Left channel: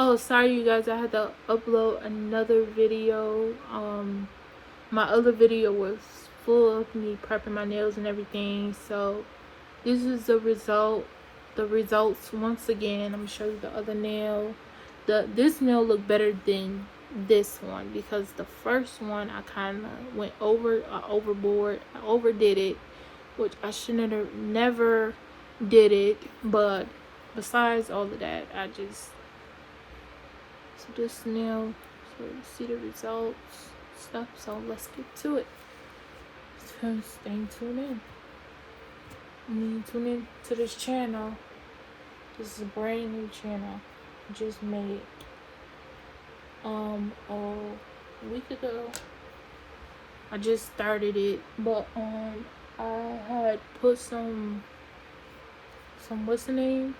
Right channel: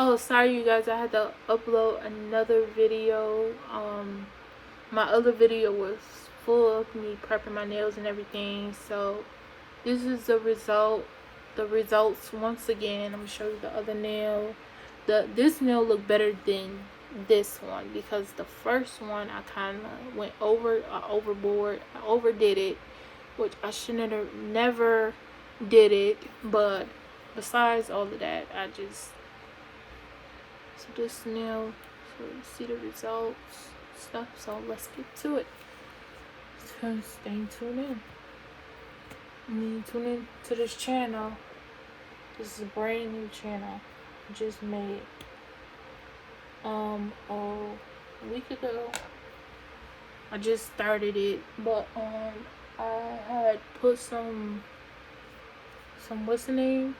Oh, sorry, you guys. I had to upload another video. My other video was full of me prepping my nails and everything. So this is the result. The results once again. I'm gonna show you the other nail. This nail looked better than this one because the first one I kind of went overboard. I overdid it, which I shouldn't have never did it. But besides all of that, I just so this nail. So you see the results stuff. So let's get to it. So stay tuned in. Tune in to this channel. This is a brand new channel. I just made a week ago. I just started it, but I had put some what's the name?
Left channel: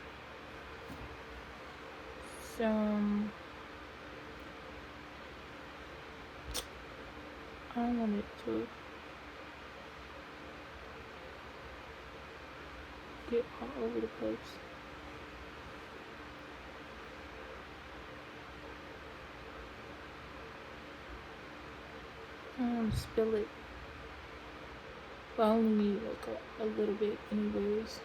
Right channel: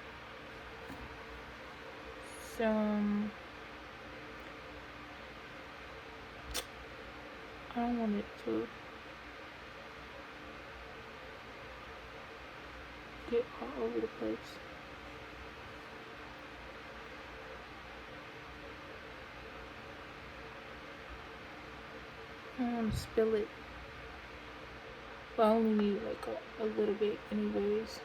Some I wanted to get all over the place. Spill it. But I only need like a little bit anyways.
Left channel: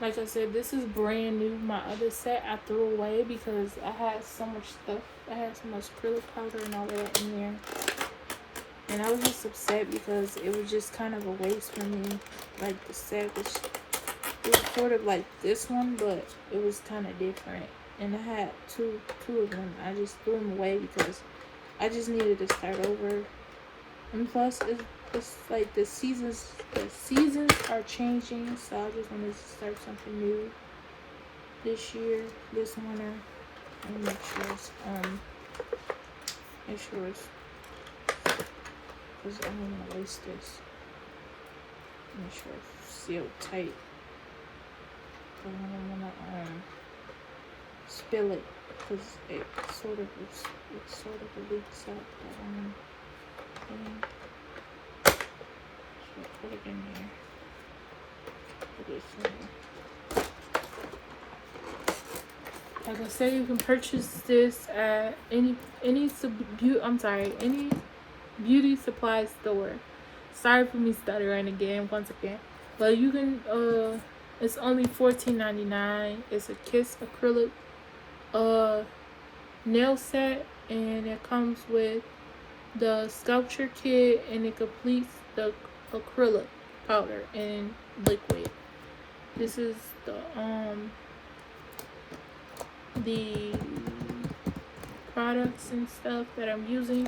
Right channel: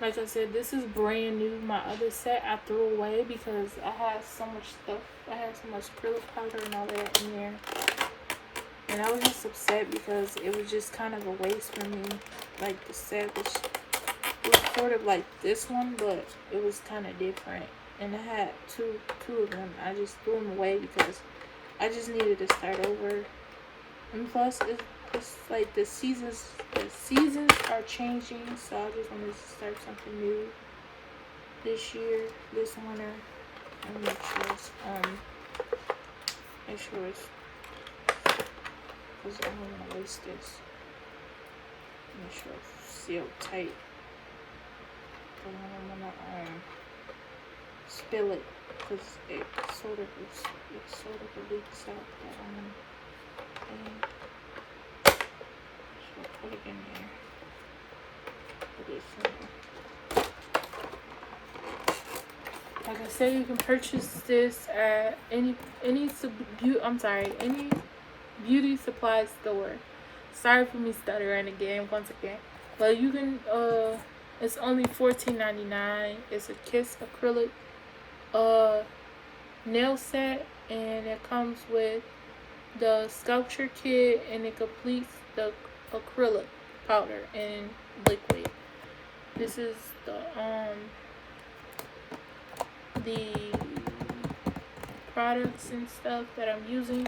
Like I said, this is brand new. My other set I threw away because I had so much stuff. I had so much acrylic powder and all that in there. And I was just upset because it was just kind of a waste for me. Like the set was, it was sort of like this one, but it was kind of different. And I had two of them. I just threw them away because I just needed to start over. And plus, it's like the seasons are changing, so I just wanted to start something new this year, this winter. Let me make sure it's because I don't want to waste this. Make sure it's sealed tight. I don't want to spill it because it sort of leaks out. So put it in there. Put this in. Like I said, you can purchase this at any beauty supply store. Sorry for me stuttering again once again. But you can it's only $14.99. It's a Kiss acrylic nail set, and it comes with the sculpture kit, and it completes the acrylic powder and liquid. This is the products and stuff that I'm using,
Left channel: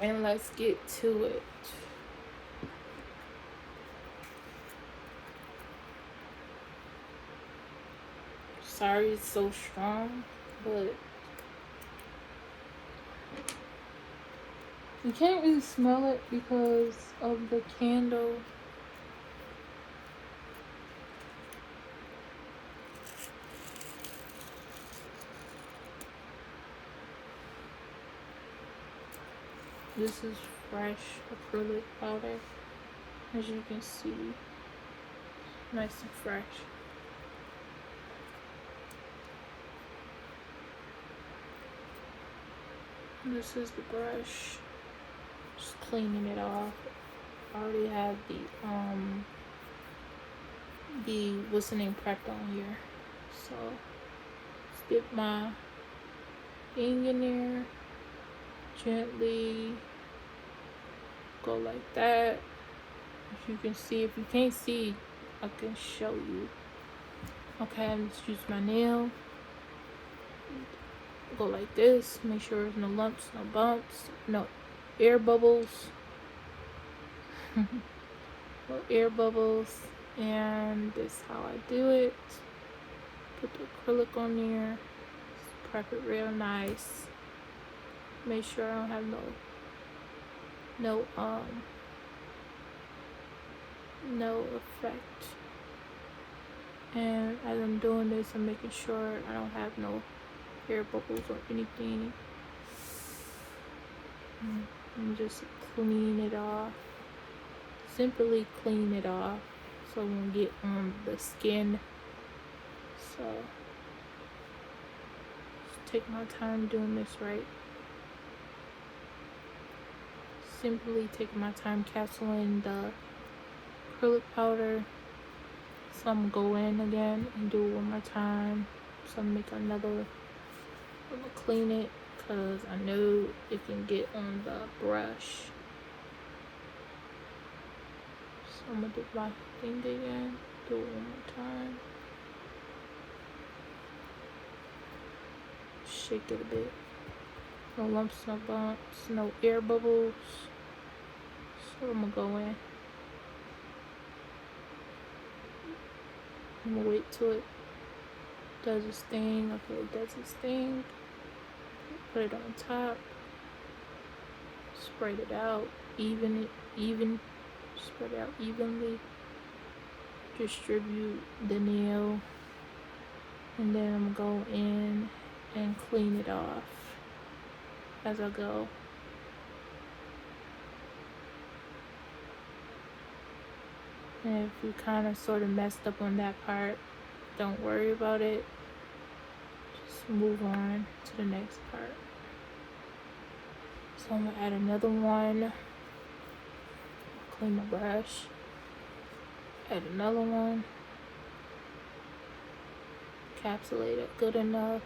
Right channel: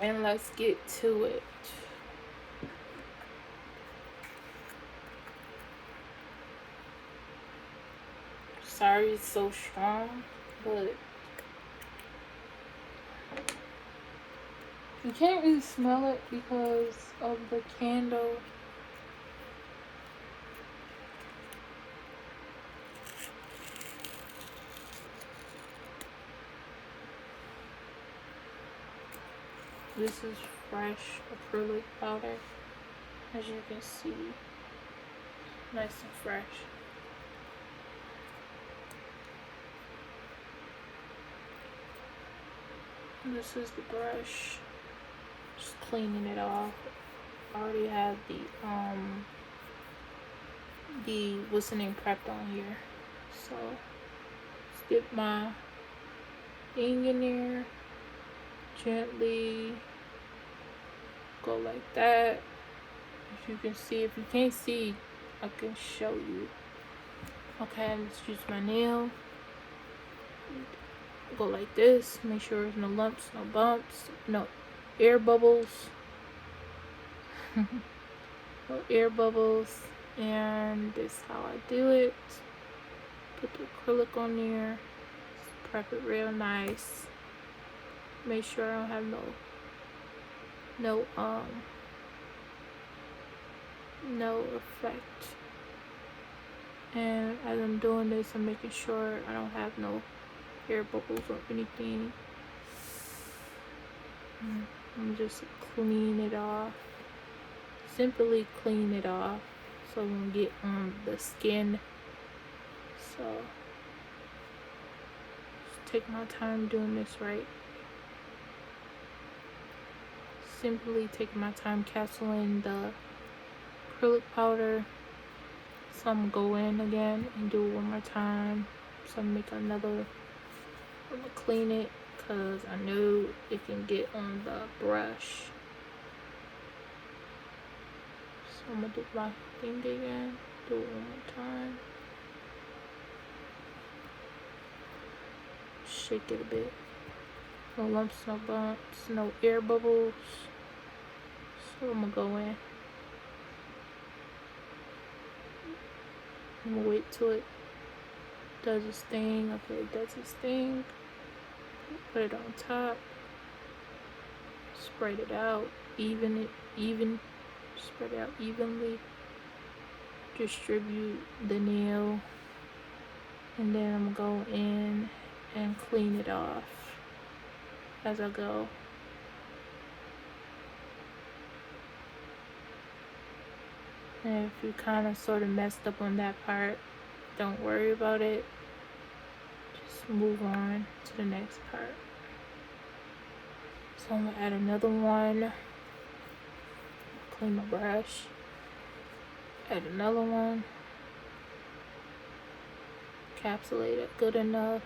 and let's get to it. Sorry it's so strong, but you can't really smell it because of the candle. This is fresh acrylic powder, as you can see, nice and fresh. This is the brush, just cleaning it off. I already have the what's the name prepped on here, so let's dip my thing in there, gently go like that. As you can see, if you can't see, I can show you. Okay, let's use my nail. Go like this. Make sure there's no lumps, no bumps, no air bubbles. No air bubbles. And this is how I do it. Put the acrylic on there. Prep it real nice. Make sure I don't have no effect. And as I'm doing this, I'm making sure I don't have no air bubbles or anything. And just clean it off. Simply clean it off so you don't get on the skin So just take my time doing this right. Simply taking my time capsuling the acrylic powder. So I'm gonna go in again and do it one more time. So I'm gonna make another, I'm gonna clean it because I know it can get on the brush. So I'm gonna do my thing again, do it one more time. Shake it a bit. No lumps, no bumps, no air bubbles. So I'm gonna go in. I'm gonna wait till it does its thing. Okay, it does its thing. Put it on top. Spread it out. Spread it out evenly. Distribute the nail. And then I'm gonna go in and clean it off as I go. And if you kind of sort of messed up on that part, don't worry about it. Just move on to the next part. So I'm gonna add another one. Clean my brush. Add another one. Encapsulate it good enough.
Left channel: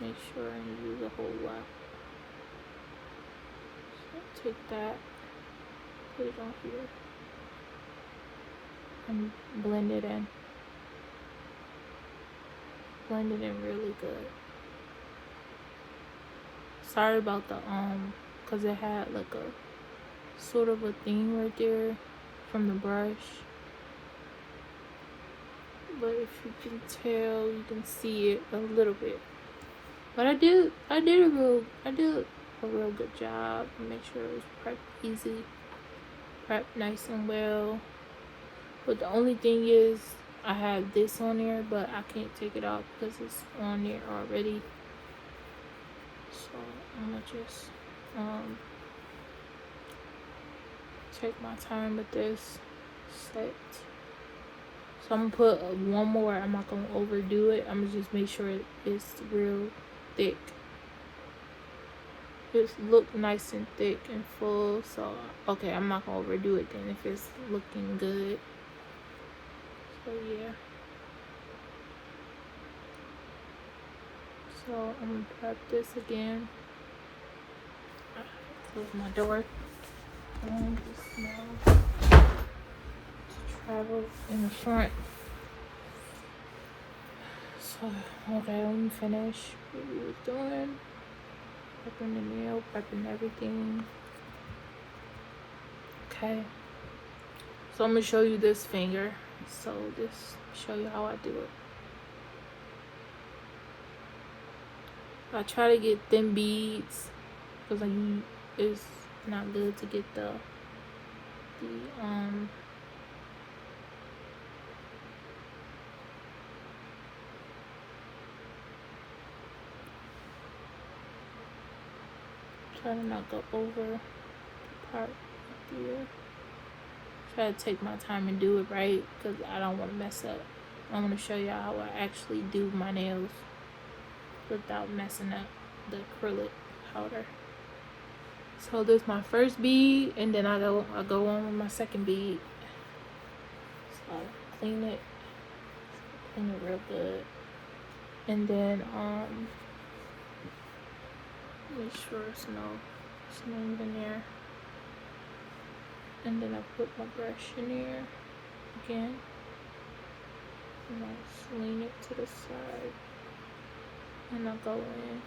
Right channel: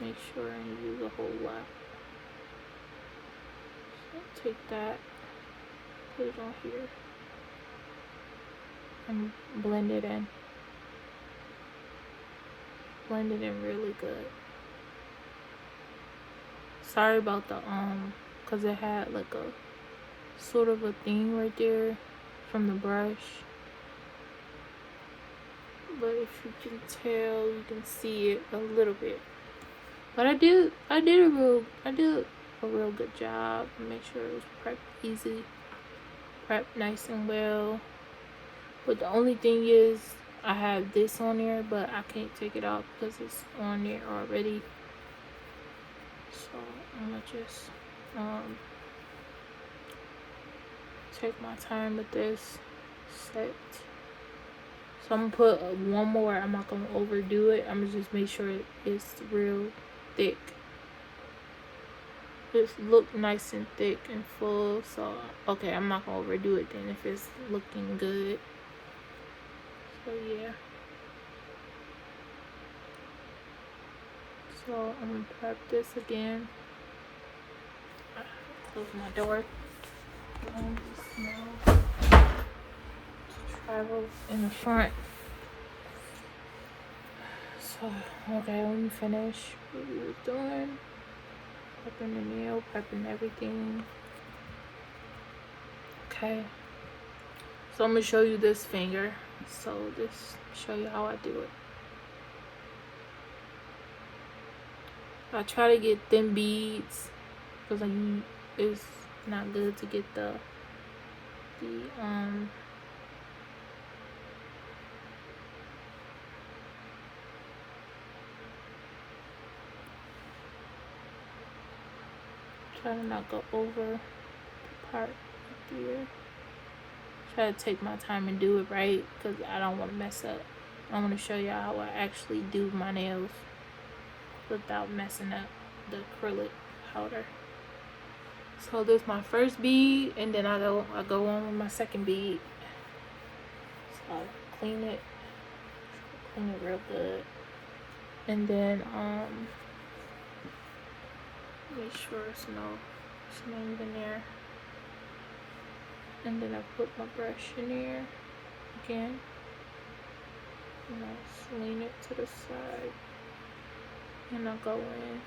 Make sure I didn't use a whole lot. So take that, put it on here, and blend it in. Blend it in really good. Sorry about the cause it had like a sort of a thing right there from the brush. But if you can tell, you can see it a little bit. But I did a real good job. Make sure it was prepped easy, prepped nice and well. But the only thing is, I have this on there, but I can't take it off because it's on there already. So I'm gonna just take my time with this set. So I'm gonna put one more. I'm not gonna overdo it. I'm gonna just make sure it's real thick. Just look nice and thick and full. So okay, I'm not gonna overdo it then if it's looking good. So yeah. So I'm gonna prep this again. Close my door. Travel in the front. So okay, let me finish what we were doing. Prepping the nail, prepping everything. Okay. So I'm gonna show you this finger. So just show you how I do it. I try to get thin beads because it's not good to get the try to not go over the part here. Try to take my time and do it right because I don't want to mess up. I want to show y'all how I actually do my nails without messing up the acrylic powder. So there's my first bead, and then I go on with my second bead. So I clean it real good, and then make sure it's no in there, and then I put my brush in there again, and I just lean it to the side, and I'll go in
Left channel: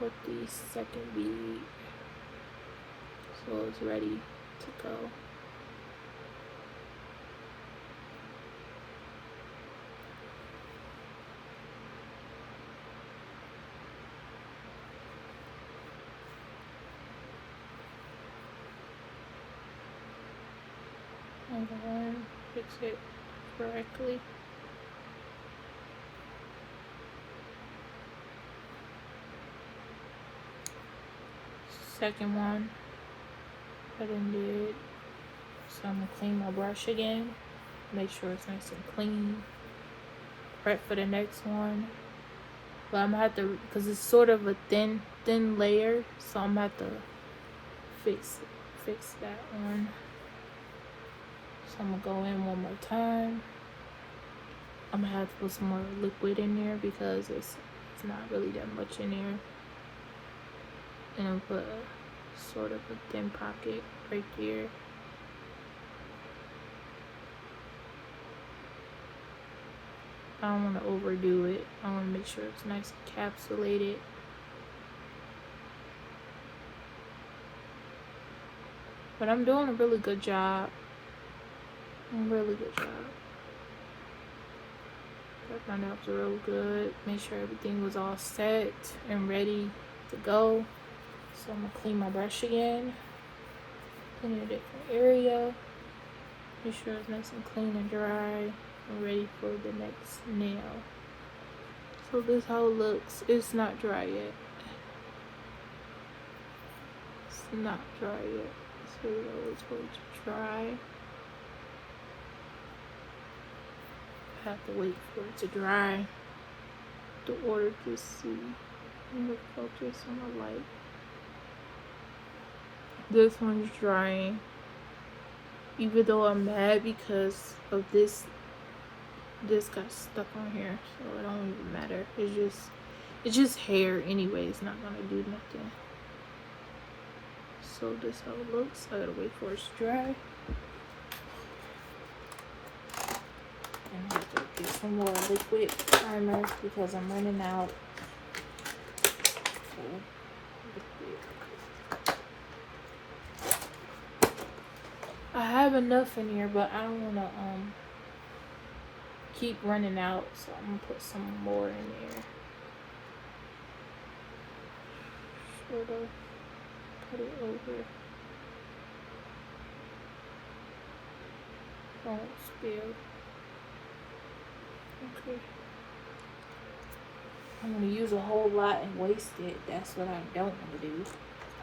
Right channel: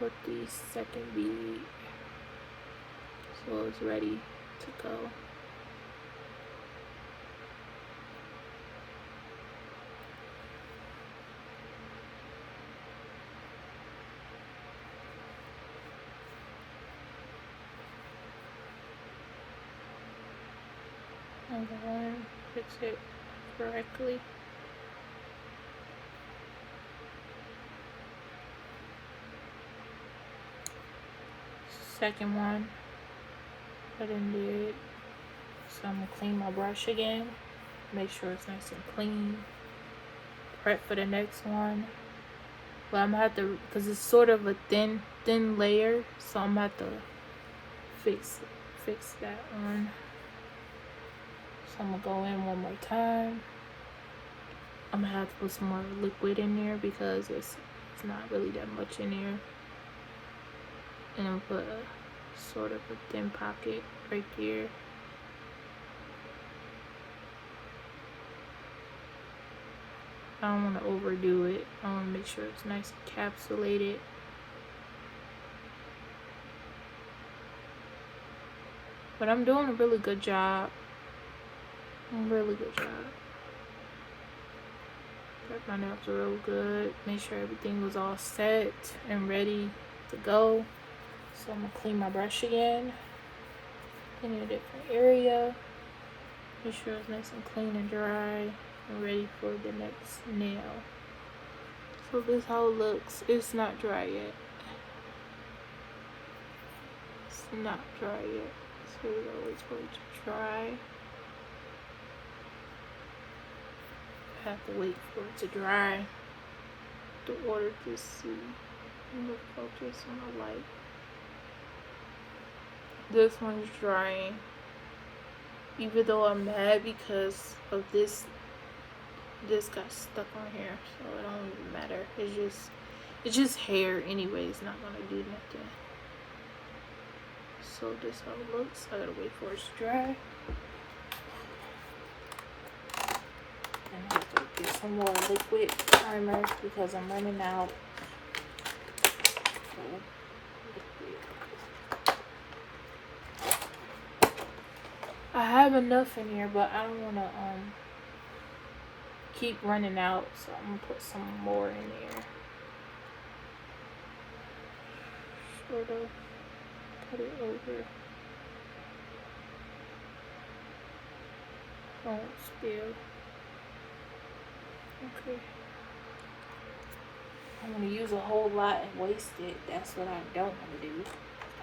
with the second bead so it's ready to go. And go in, fix it correctly. Second one, I didn't do it. So I'm gonna clean my brush again, make sure it's nice and clean. prep for the next one. But I'm gonna have to, because it's sort of a thin layer, so I'm gonna have to fix that one. So I'm gonna go in one more time. I'm gonna have to put some more liquid in there because it's not really that much in there. And I'll put a sort of a thin pocket right there. I don't want to overdo it. I want to make sure it's nice and encapsulated. But I'm doing a really good job. Really good job. Got my nails real good. Make sure everything was all set and ready to go. So I'm gonna clean my brush again. Clean a different area. Make sure it's nice and clean and dry. I'm ready for the next nail. So this is how it looks. It's not dry yet. It's not dry yet. So it's going to dry. I have to wait for it to dry in order to see the focus on the light. This one's drying. Even though I'm mad because of this got stuck on here, so it don't even matter. It's just hair anyway. It's not gonna do nothing. So this how it looks. I gotta wait for it to dry. And I have to get some more liquid primer because I'm running out. I have enough in here, but I don't wanna keep running out, so I'm gonna put some more in there. Sort of put it over. Don't spill. Okay. I'm gonna use a whole lot and waste it. That's what I don't want to do.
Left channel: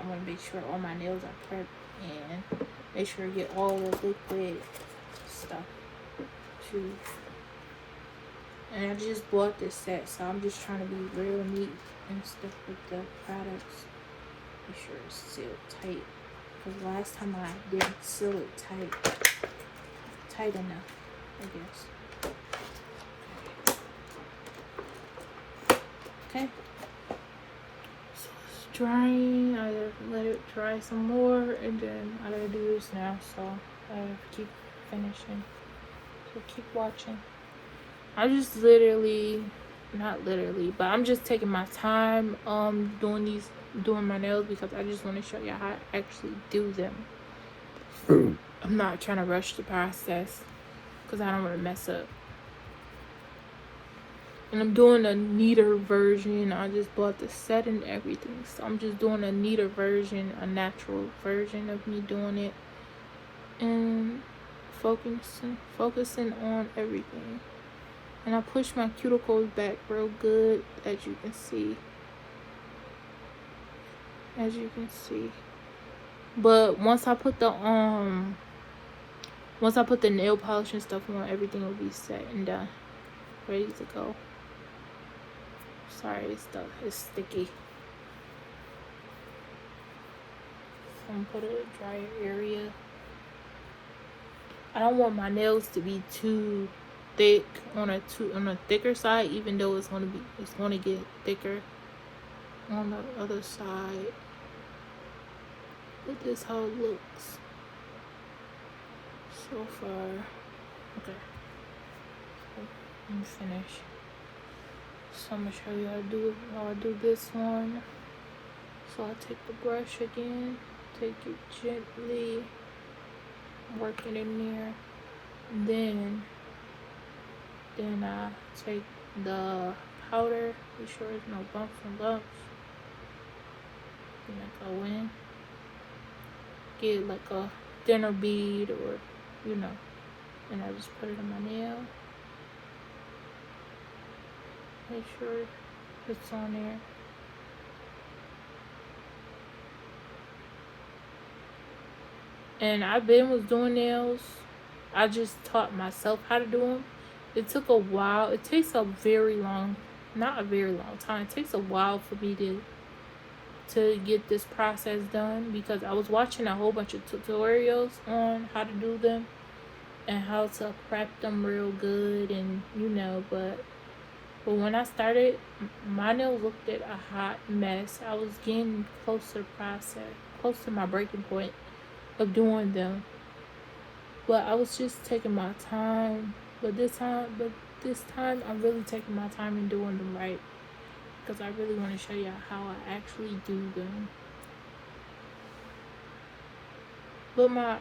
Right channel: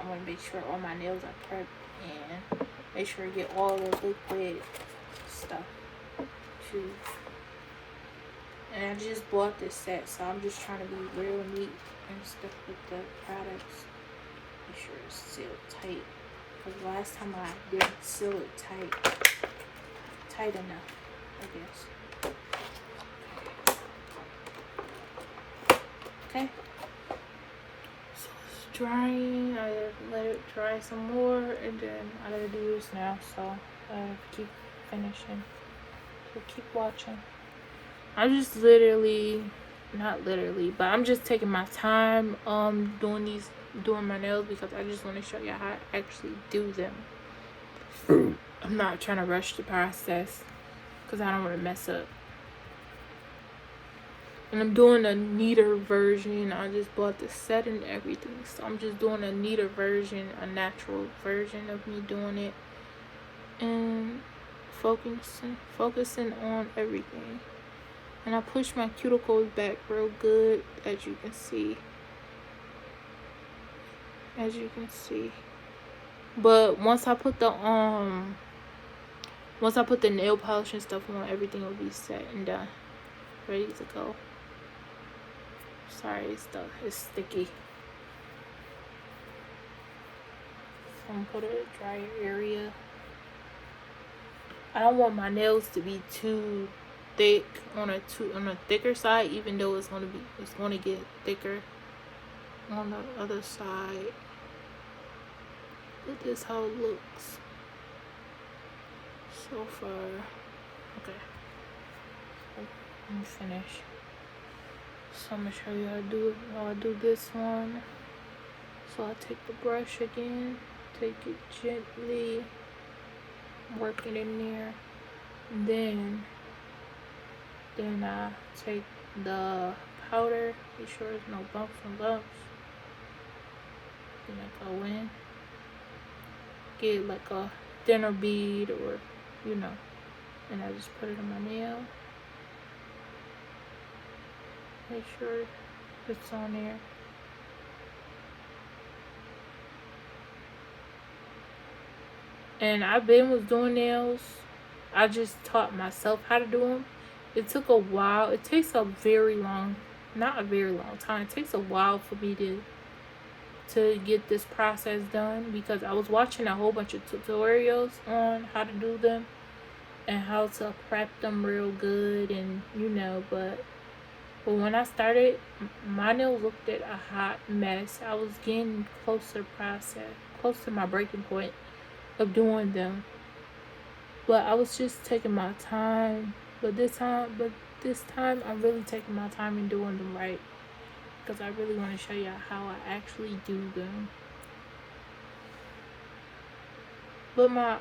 I want to make sure all my nails are prepped and make sure I get all the liquid stuff too. And I just bought this set, so I'm just trying to be real neat and stuff with the products. Make sure it's sealed tight. Because last time I didn't seal it tight enough, I guess. Okay. So it's drying. I gotta let it dry some more, and then I gotta do this now. So I have to keep finishing. So keep watching. I just not literally, but I'm just taking my time doing my nails because I just want to show you how I actually do them. I'm not trying to rush the process because I don't want to mess up. And I'm doing a neater version. I just bought the set and everything, so I'm just doing a neater version, a natural version of me doing it, and focusing on everything. And I push my cuticles back real good, as you can see. But once I put the nail polish and stuff on, everything will be set and done, ready to go. Sorry, it's sticky. So I'm gonna put it in a drier area. I don't want my nails to be too thick on a thicker side, even though it's gonna get thicker on the other side. But this is how it looks so far. Okay, I'm finished. So I'm gonna show you how I do this one. So I take the brush again, take it gently, work it in there, and then I take the powder, make sure there's no bumps and lumps. And I go in, get like a thinner bead or and I just put it on my nail. Make sure it's on there. And was doing nails. I just taught myself how to do them It took a while. It takes a very long, not a very long time. It takes a while for me to get this process done, because I was watching a whole bunch of tutorials on how to do them and how to prep them real good, and but when I started, my nails looked at a hot mess. I was getting close to my breaking point of doing them. But I was just taking my time. But this time, I'm really taking my time and doing them right, because I really want to show y'all how I actually do them. But my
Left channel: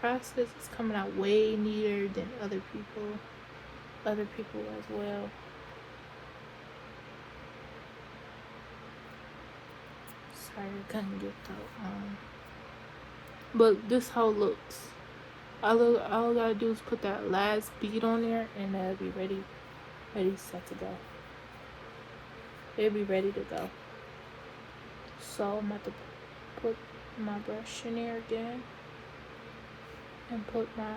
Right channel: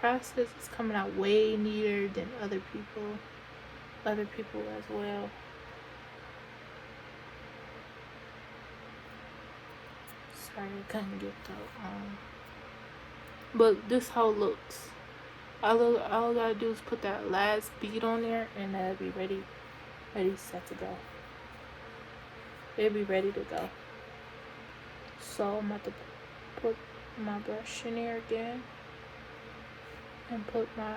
process is coming out way neater than other people as well. Sorry, I couldn't get that on. But this how it looks. All I gotta do is put that last bead on there, and that'll be ready set to go. It'll be ready to go. So I'm about to put my brush in there again and put my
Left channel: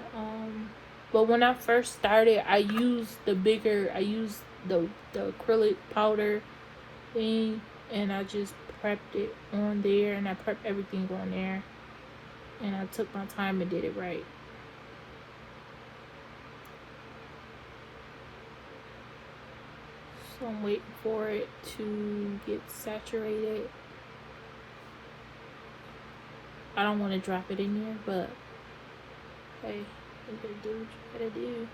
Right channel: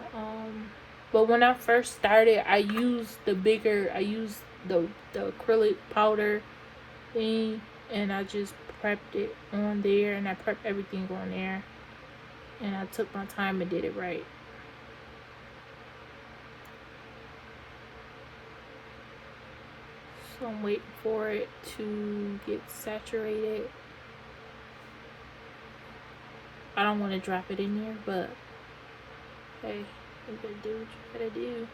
but when I first started, I used the acrylic powder thing, and I just prepped it on there, and I prepped everything on there, and I took my time and did it right. So I'm waiting for it to get saturated. I don't want to drop it in there, but hey, you gotta do what you gotta do.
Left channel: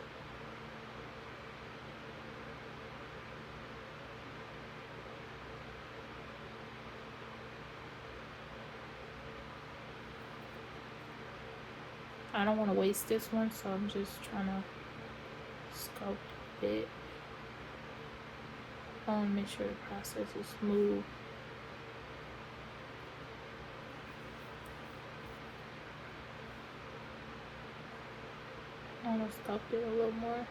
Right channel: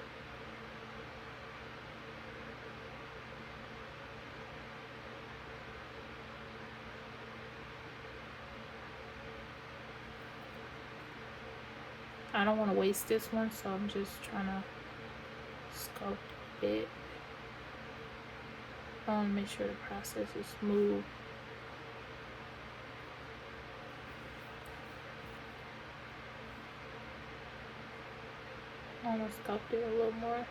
I don't want to waste this one, so I'm just trying to sculpt it. I want to make sure the process is smooth. I'm going to sculpt it a little more.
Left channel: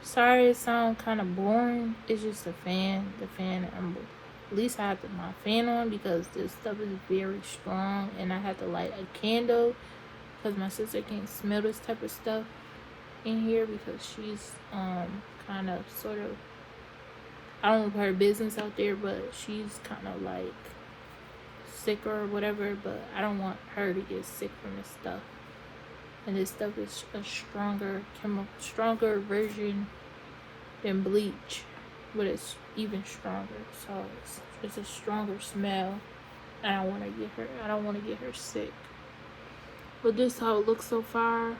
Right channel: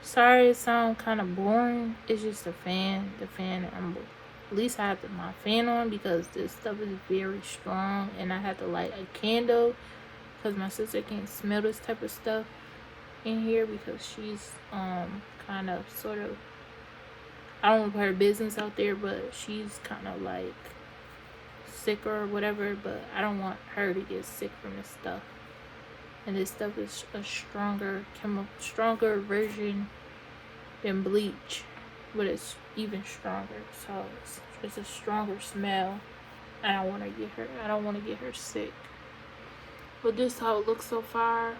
Sorry, it sounds kind of boring. It's just the fan. At least I have my fan on, because this stuff is very strong, and I have to light a candle because my sister can't smell this type of stuff in here, because she's kind of sort of, I don't want to put her business out there, but she's kind of like sick or whatever, but I don't want her to get sick from this stuff. And this stuff is a stronger version than bleach, but it's even stronger. So it's a stronger smell. I don't want to get her sick. But this is how it looks so far.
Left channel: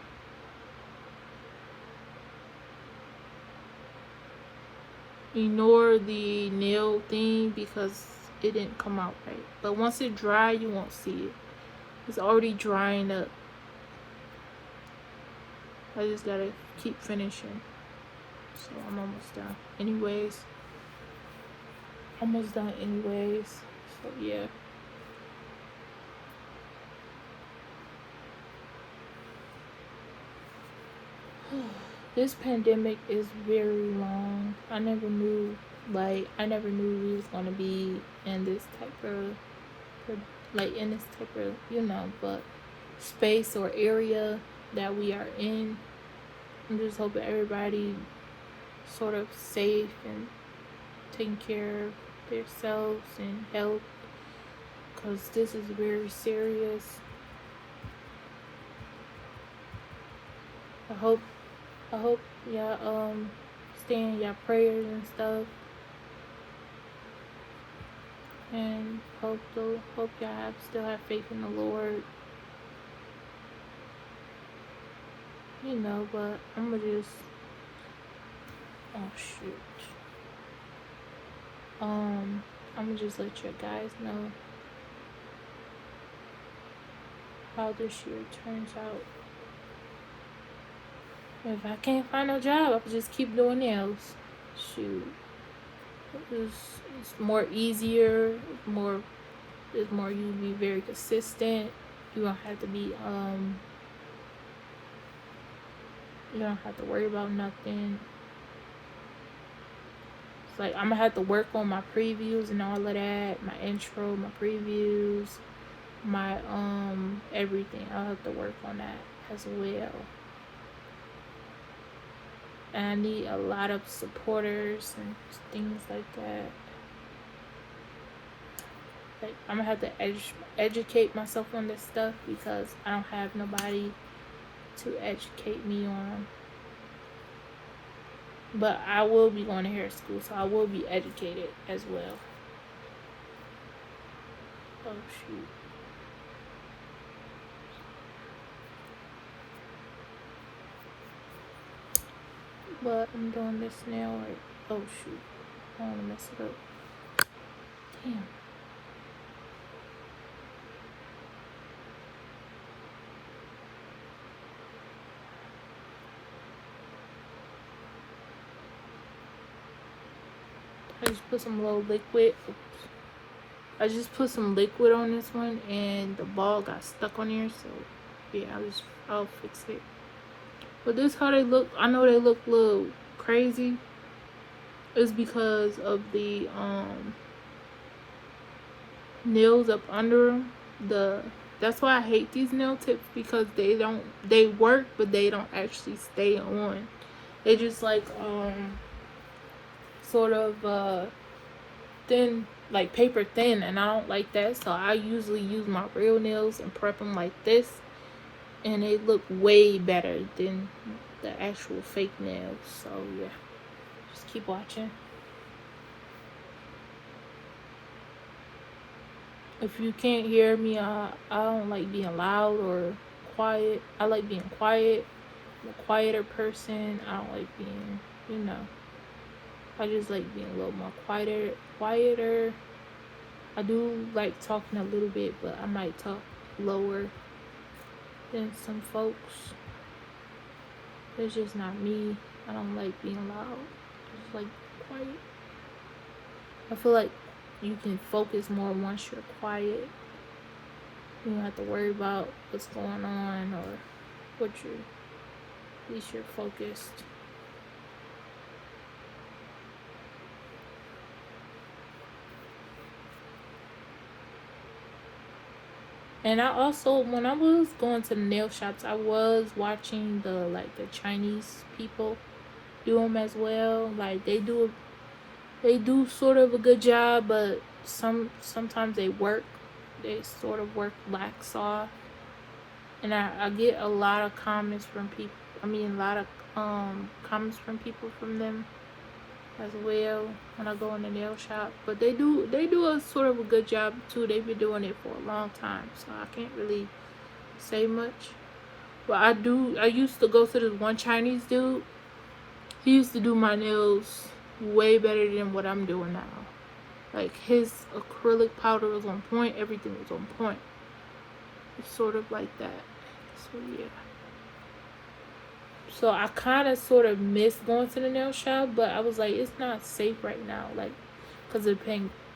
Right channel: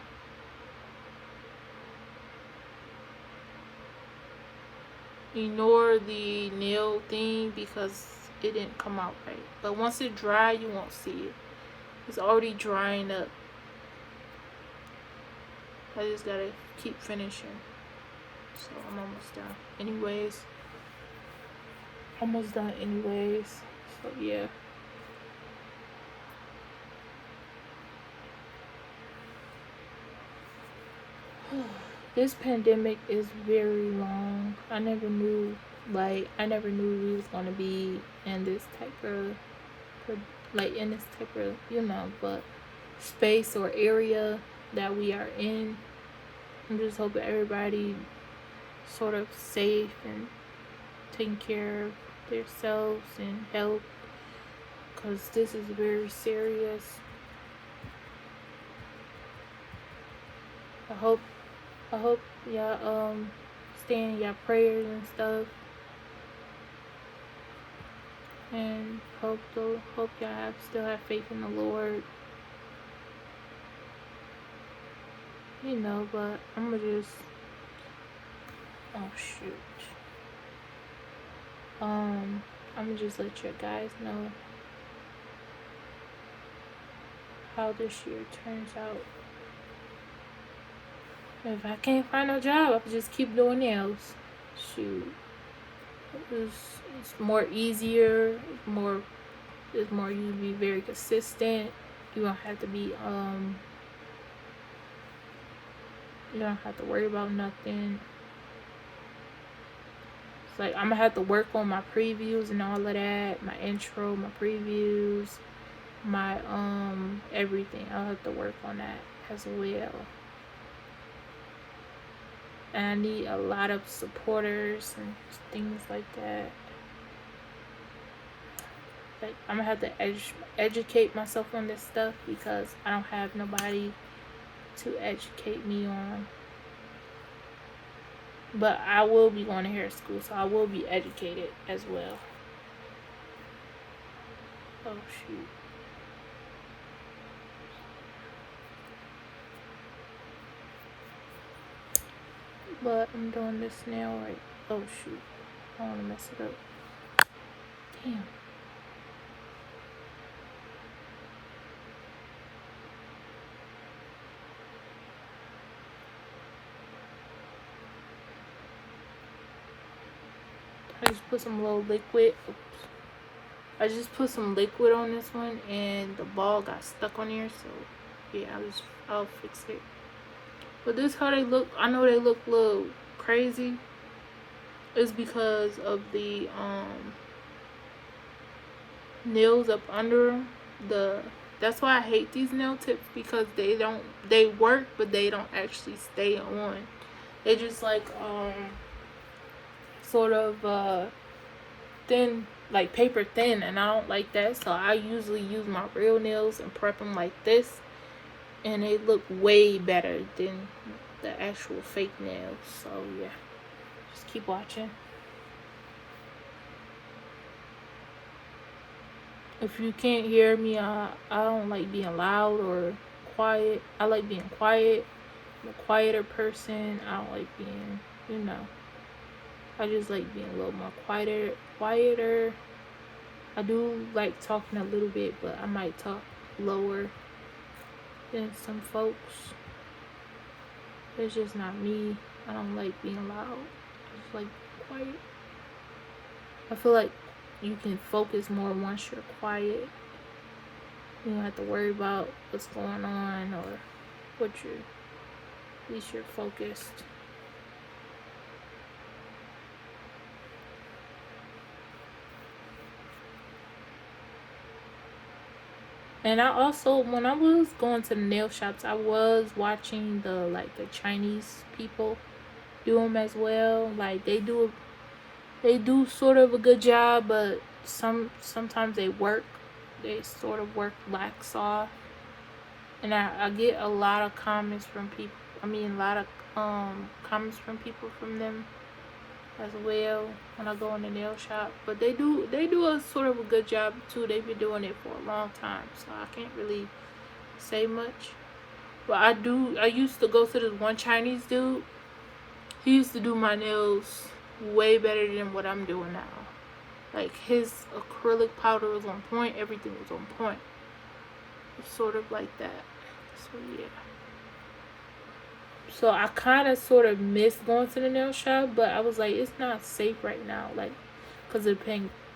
Ignore the nail thing because it didn't come out right. But once it dries, you won't see it. It's already drying up. I just gotta keep finishing. So I'm almost done. So yeah. This pandemic is very long. I never knew we was gonna be in this type of but space or area that we are in. I'm just hoping everybody sort of safe and taking care of themselves and health, because this is very serious. I hope y'all stay in y'all prayers and stuff, and hope y'all still have faith in the Lord. But I'm gonna just, oh shoot, I'm gonna just let you guys know how this year turns out. If I can't find a job, I'll just keep doing nails. Shoot, it's more easier. It's more you be very consistent. You don't have to be you don't have to worry about nothing. Like, I'm gonna have to work on my previews and all of that, my intro, my previews, my everything. I'll have to work on that as well. And I need a lot of supporters and things like that. Like, I'm gonna have to educate myself on this stuff because I don't have nobody to educate me on. But I will be going to hair school, so I will be educated as well. Oh shoot. But I'm doing this nail right. Oh shoot. I don't want to mess it up. Damn. I just put some little liquid. I just put some liquid on this one and the ball got stuck on here, so yeah, I'll fix it. But this how they look. I know they look a little crazy. It's because of the nails up under that's why I hate these nail tips, because they work but they don't actually stay on. They just like sort of thin, like paper thin, and I don't like that. So I usually use my real nails and prep them like this, and they look way better than the actual fake nails. So yeah, just keep watching. If you can't hear me, I don't like being loud or quiet. I like being quiet. I'm a quieter person. I don't like being, I just like being a little more quieter. I do like talking a little bit, but I might talk lower than some folks. It's just not me. I don't like being loud. I just like quiet. I feel like you can focus more once you're quiet. You don't have to worry about what's going on or at least you're focused. And I also, when I was going to the nail shops, I was watching the Chinese people do them as well. Like they do sort of a good job, but sometimes they sort of work lax off. And I get a lot of comments from people. Comments from people from them as well when I go in the nail shop. But they do a sort of a good job too. They've been doing it for a long time, so I can't really say much. But I used to go to this one Chinese dude. He used to do my nails way better than what I'm doing now. Like his acrylic powder was on point, everything was on point. It's sort of like that. So yeah. So I kind of sort of missed going to the nail shop, but I was like, it's not safe right now, like, because of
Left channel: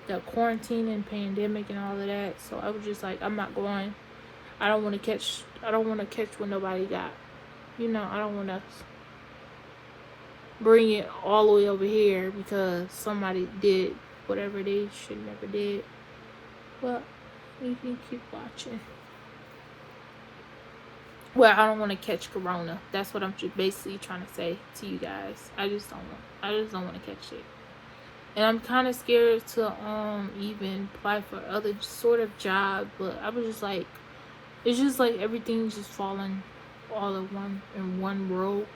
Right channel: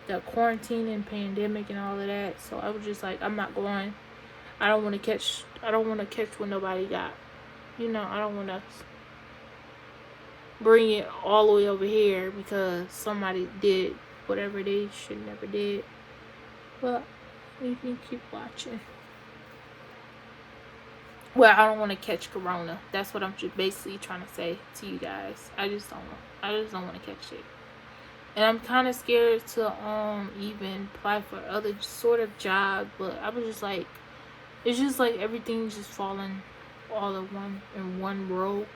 the quarantine and pandemic and all of that. So I was just like, I'm not going. I don't want to catch what nobody got. I don't want to bring it all the way over here because somebody did whatever they should never did. But you can keep watching. Well, I don't want to catch corona. That's what I'm basically trying to say to you guys. I just don't want to catch it. And I'm kind of scared to even apply for other sort of job. But I was just like, it's just like everything's just falling all in one row.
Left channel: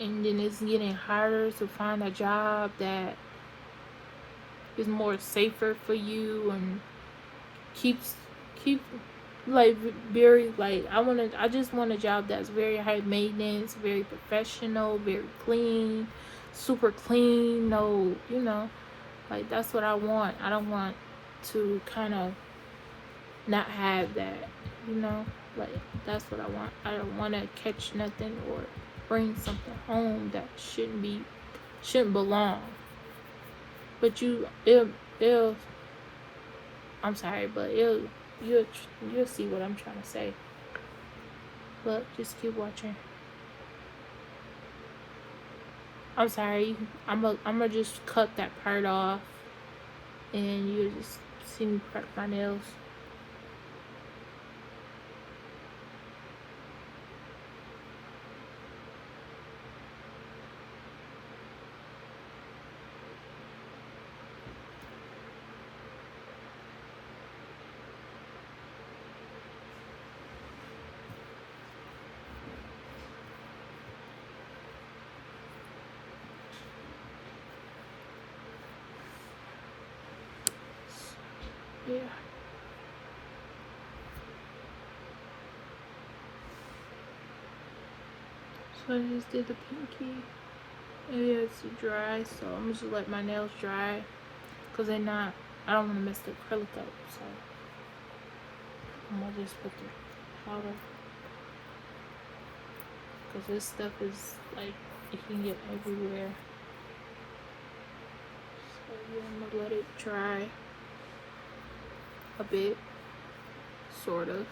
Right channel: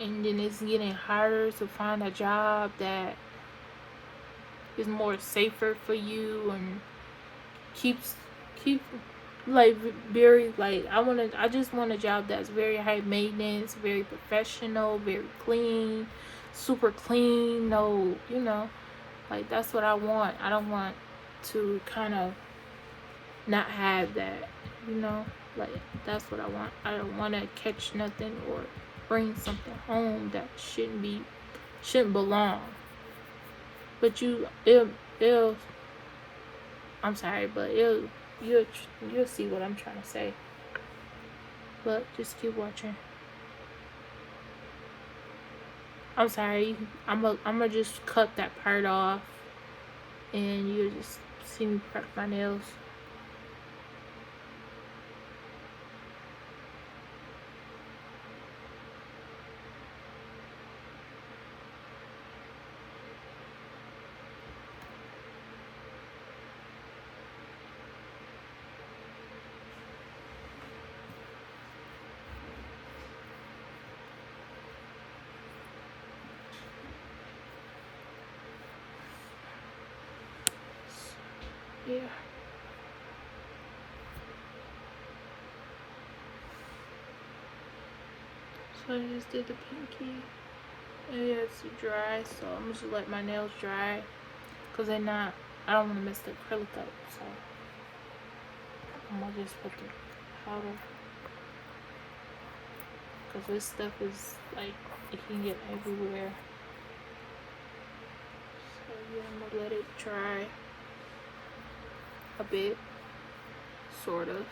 And then it's getting harder to find a job that is more safer for you and keep like very like I just want a job that's very high maintenance, very professional, very clean, super clean. No, like that's what I want. I don't want to kind of not have that. Like that's what I want. I don't want to catch nothing or bring something home that shouldn't belong. But it'll I'm sorry, but you'll see what I'm trying to say. But just keep watching. I'm sorry. I'm gonna just cut that part off, and you just see me prep my nails. Yeah. So I just did the pinky. And yeah, it's dry, so I'm gonna just let my nails dry, cause they're not. I don't want to mess the acrylic up, so I'm gonna just put the powder, cause this stuff is like it can get everywhere. So I'm gonna let it dry a bit, sort of.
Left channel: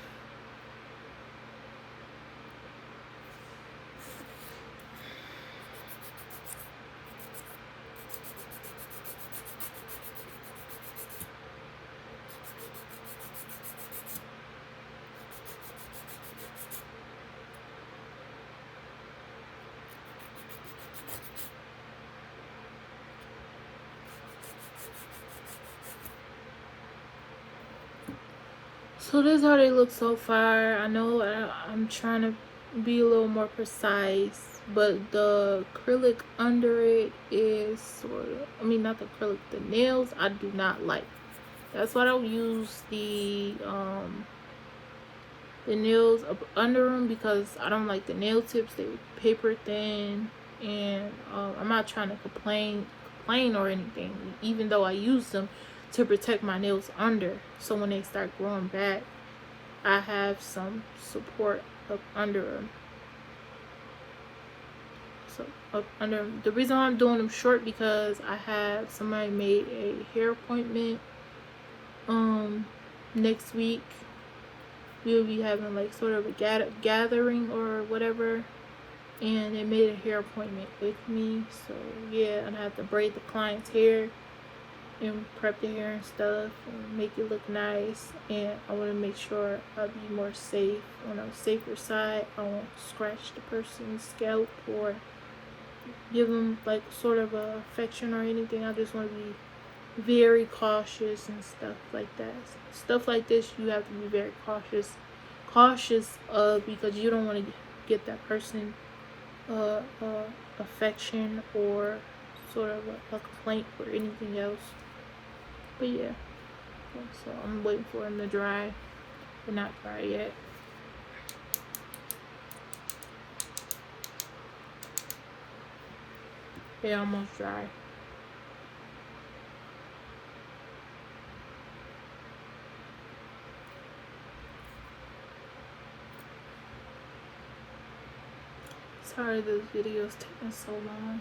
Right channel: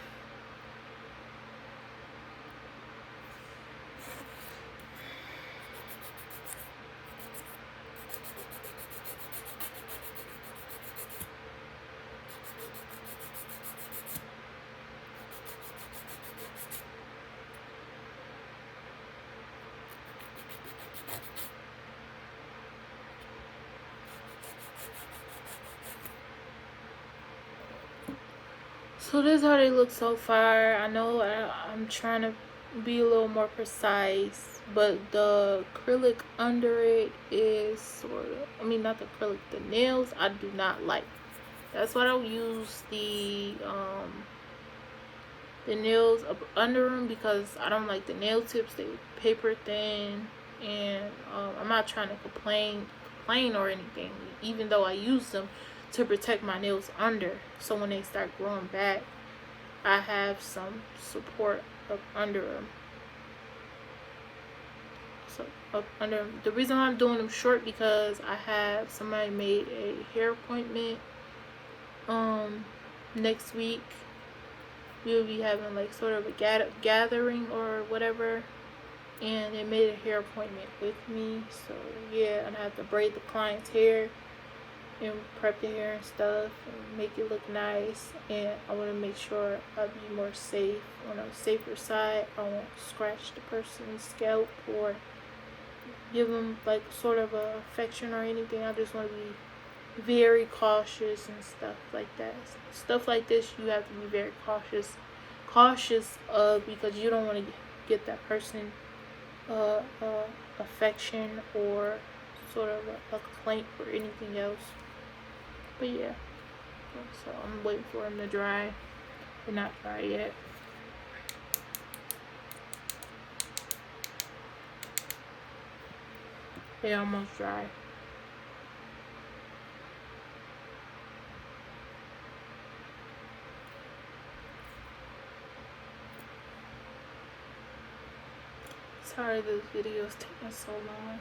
So this is how they look so far. I know I'm trying to be a little more precise, but the acrylic under it is sort of, I mean, not the acrylic, the nails I do not like. That's why I don't use the nails up under them, because I don't like the nail tips. They paper thin, and I'm not trying to complain or anything, even though I use them to protect my nails under, so when they start growing back I have some support up under them. So up under them. The reason why I'm doing them short, because I had somebody made a hair appointment next week. We'll be having like sort of a gathering or whatever, and they made a hair appointment with me. So yeah, and I have to braid the client's hair and prep the hair and stuff and make it look nice. And I want to make sure I'll be more safe, on a safer side. I won't scratch the person's scalp or give them like sort of a infection or anything. I just want to be very cautious and stuff like that. Stuff like this you have to be very cautious of, because you don't want to get that person affection or sort of a complaint or anything else. But yeah, so I'm waiting for them to dry. They're not dry yet. They almost dry. Sorry this video is taking so long.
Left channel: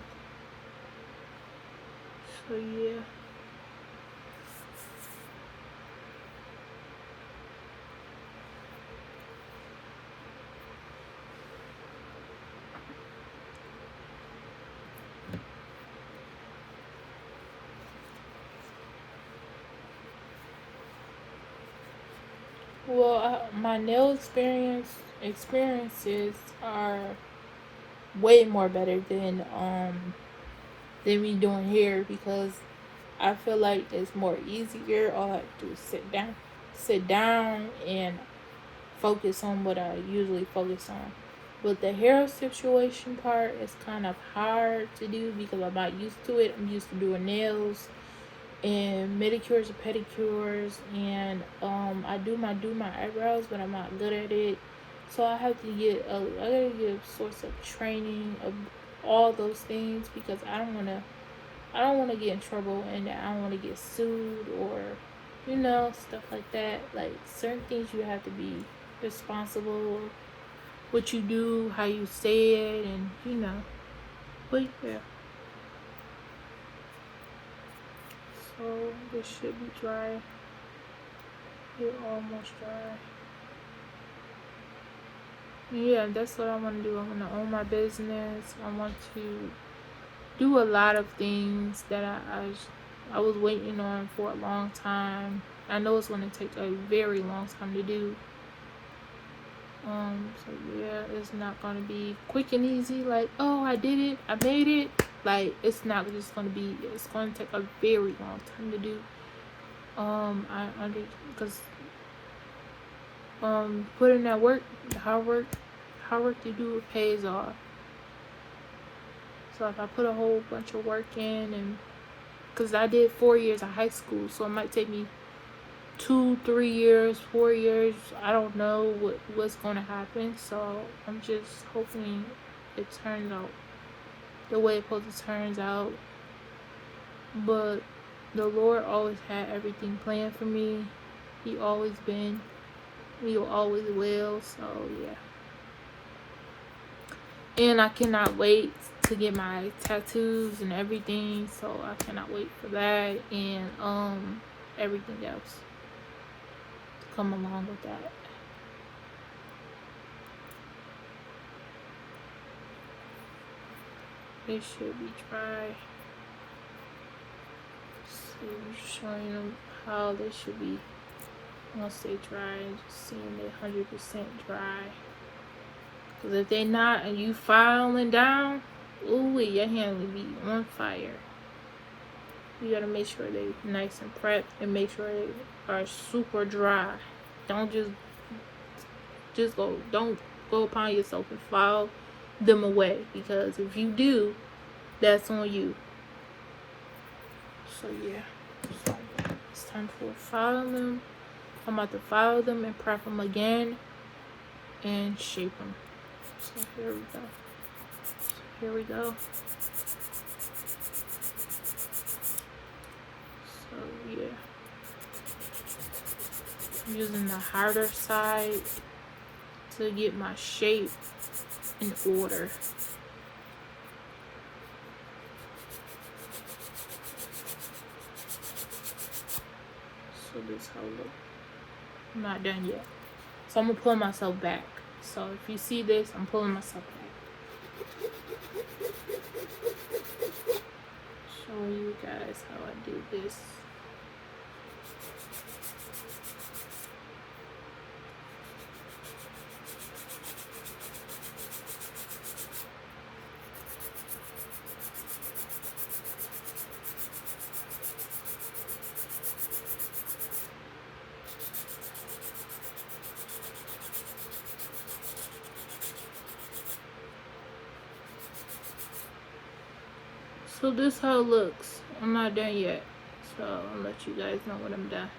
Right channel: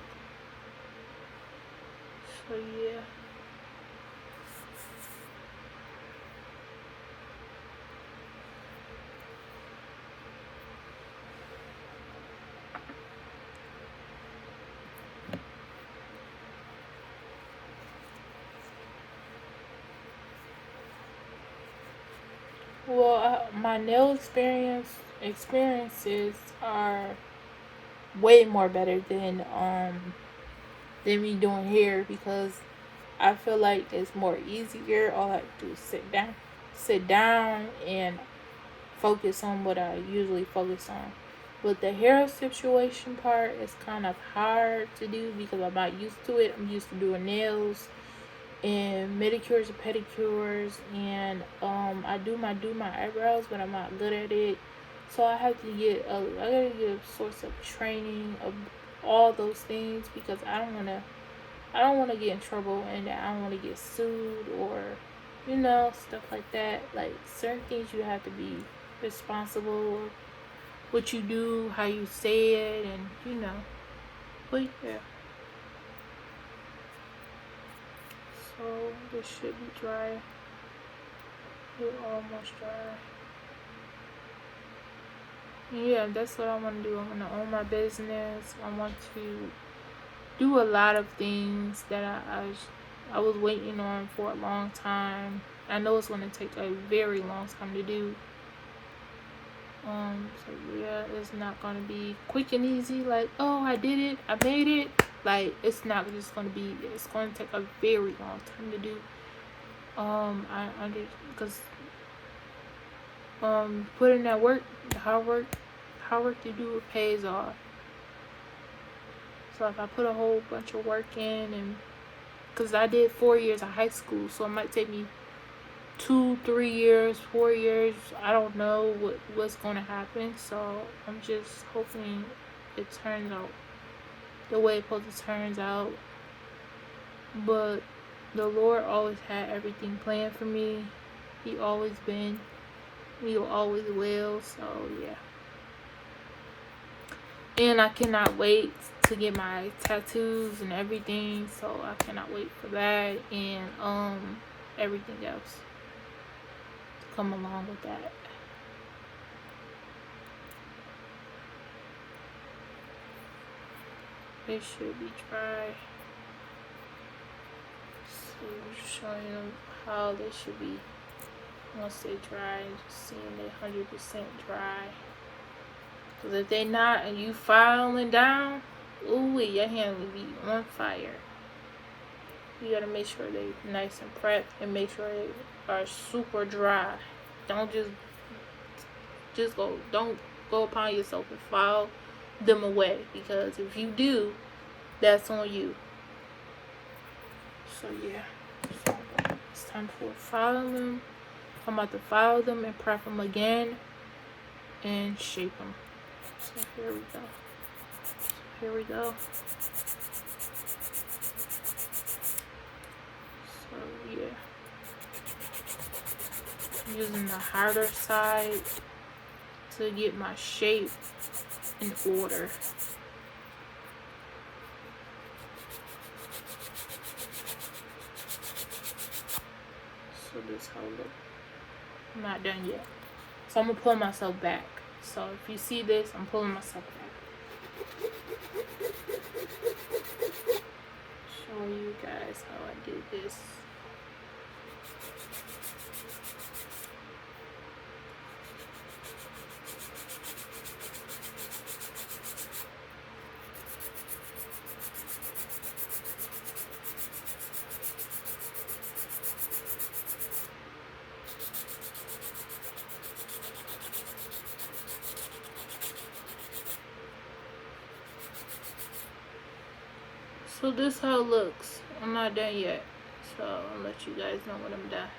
So yeah. Well, my nail experiences are way more better than me doing hair, because I feel like it's more easier. All I have to do is sit down and focus on what I usually focus on. But the hair situation part is kind of hard to do, because I'm not used to it. I'm used to doing nails and manicures and pedicures, and I do my eyebrows, but I'm not good at it. So I have to get I gotta get a source of training of all those things, because I don't wanna get in trouble, and I don't wanna get sued or stuff like that. Like certain things you have to be responsible, what you do, how you say it, and. But yeah. So this should be dry. It almost dry. Yeah, that's what I want to do. I want to own my business. I want to do a lot of things that I was waiting on for a long time. I know it's going to take a very long time to do. So yeah, it's not going to be quick and easy. Like, oh, I did it, I made it. Like, it's not just going to be. It's going to take a very long time to do. Because putting that work, the hard work you do, it pays off. So like, I put a whole bunch of work in, and because I did 4 years of high school, so it might take me 2, 3 years, 4 years. I don't know what's going to happen. So I'm just hoping it turns out the way it supposed to turns out. But the Lord always had everything planned for me. He always been. He always will. So yeah. And I cannot wait to get my tattoos and everything. So I cannot wait for that, and everything else to come along with that. It should be dry. So showing them how they should be. Once they dry, just seeing they 100% dry. Because if they not and you filing down, ooh, your hand will be on fire. You gotta make sure they're nice and prepped, and make sure they are super dry. Don't don't go upon yourself and file them away, because if you do, that's on you. So yeah, it's time for file them. I'm about to file them and prep them again and shape them. So here we go. Here we go. So yeah, I'm using the harder side to get my shape in order. So this how it looks. I'm not done yet. So I'm gonna pull myself back. So if you see this, I'm pulling myself back. Show you guys how I do this. So this how it looks. I'm not done yet, so I'll let you guys know when I'm done.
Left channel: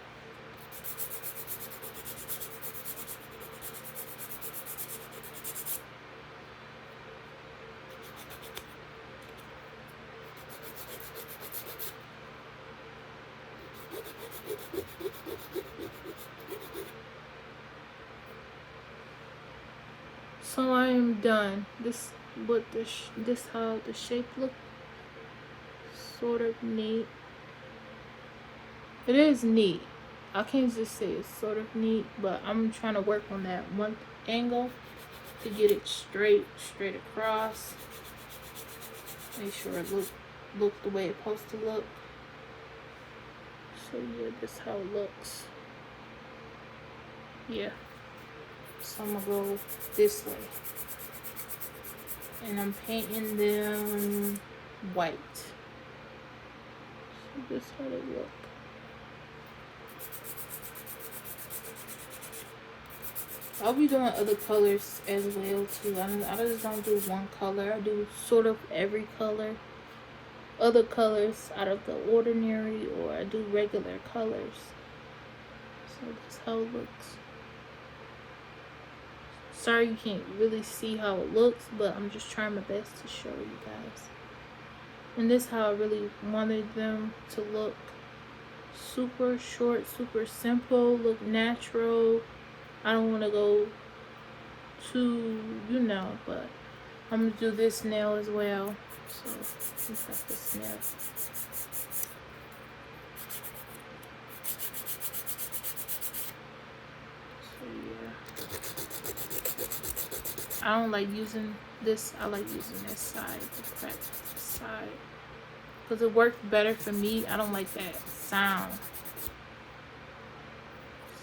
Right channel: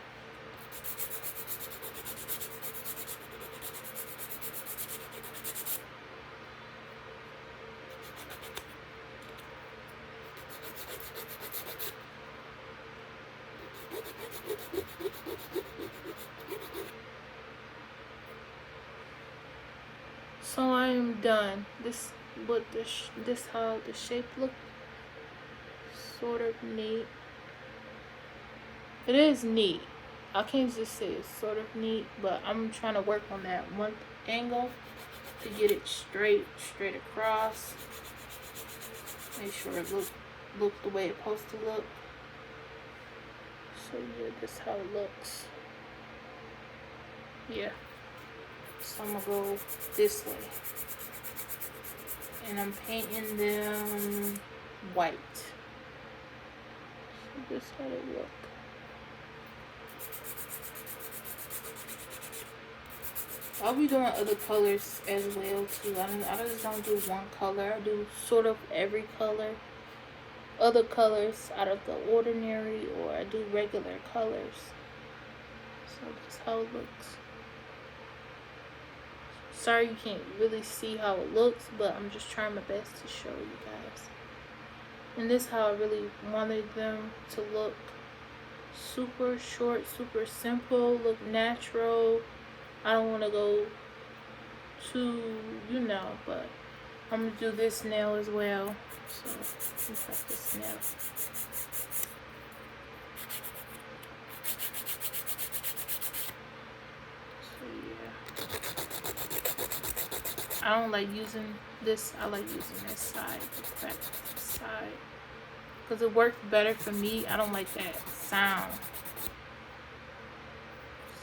So I am done. This how the shape look. Sort of neat. It is neat. I can't just say it's sort of neat, but I'm trying to work on that one angle to get it straight across. Make sure it look the way it's supposed to look. So yeah, this is how it looks. Yeah. So I'm gonna go this way, and I'm painting them white. This how it look. I'll be doing other colors as well too. I just don't do one color. I do sort of every color. Other colors out of the ordinary, or I do regular colors. So this how it looks. Sorry you can't really see how it looks, but I'm just trying my best to show you guys. And this is how I really wanted them to look. Super short, super simple, look natural. I don't want to go too, but I'm going to do this nail as well. So, this is this nail. So, yeah. I don't like using this. I like using this side, the back side. because it works better for me. I don't like that sound.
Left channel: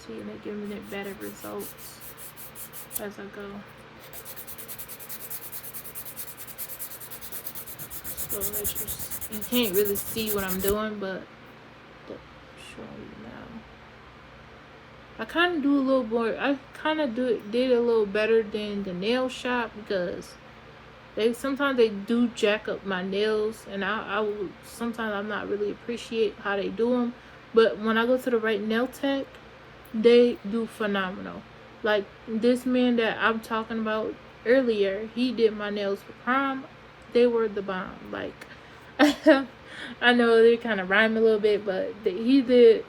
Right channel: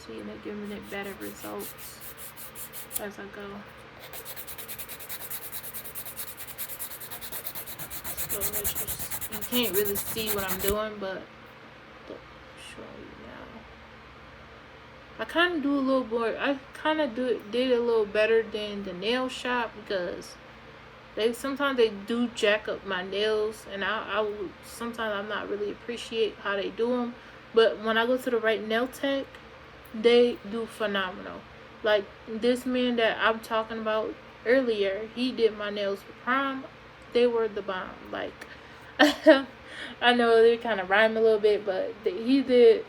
See, and they're giving it better results as I go. So you can't really see what I'm doing, but show you now. I kind of do a little more. I kind of did a little better than the nail shop, because sometimes they do jack up my nails, and I sometimes I'm not really appreciate how they do them. But when I go to the right nail tech, they do phenomenal. Like this man that I'm talking about earlier, he did my nails for prom. They were the bomb. Like I know they kind of rhyme a little bit, but he did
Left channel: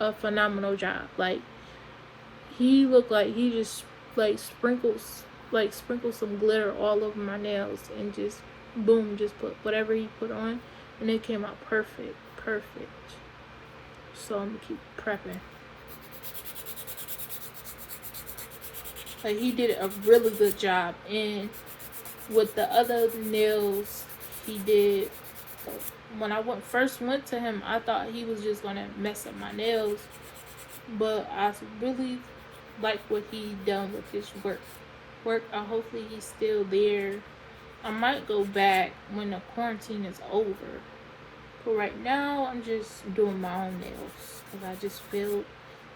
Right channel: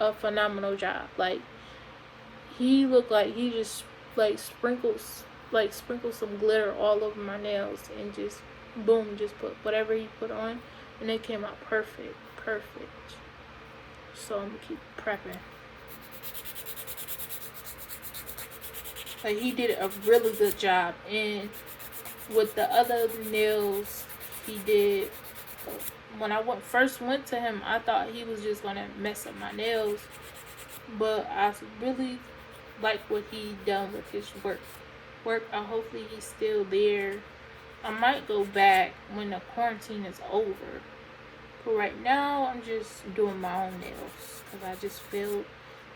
a phenomenal job. Like he looked like he just sprinkled some glitter all over my nails, and just boom, just put whatever he put on, and it came out perfect. So I'm gonna keep prepping. But he did a really good job, and with the other nails he did, when I first went to him, I thought he was just gonna mess up my nails, but I really like what he done with his work. Hopefully he's still there. I might go back when the quarantine is over, but right now I'm just doing my own nails because I just feel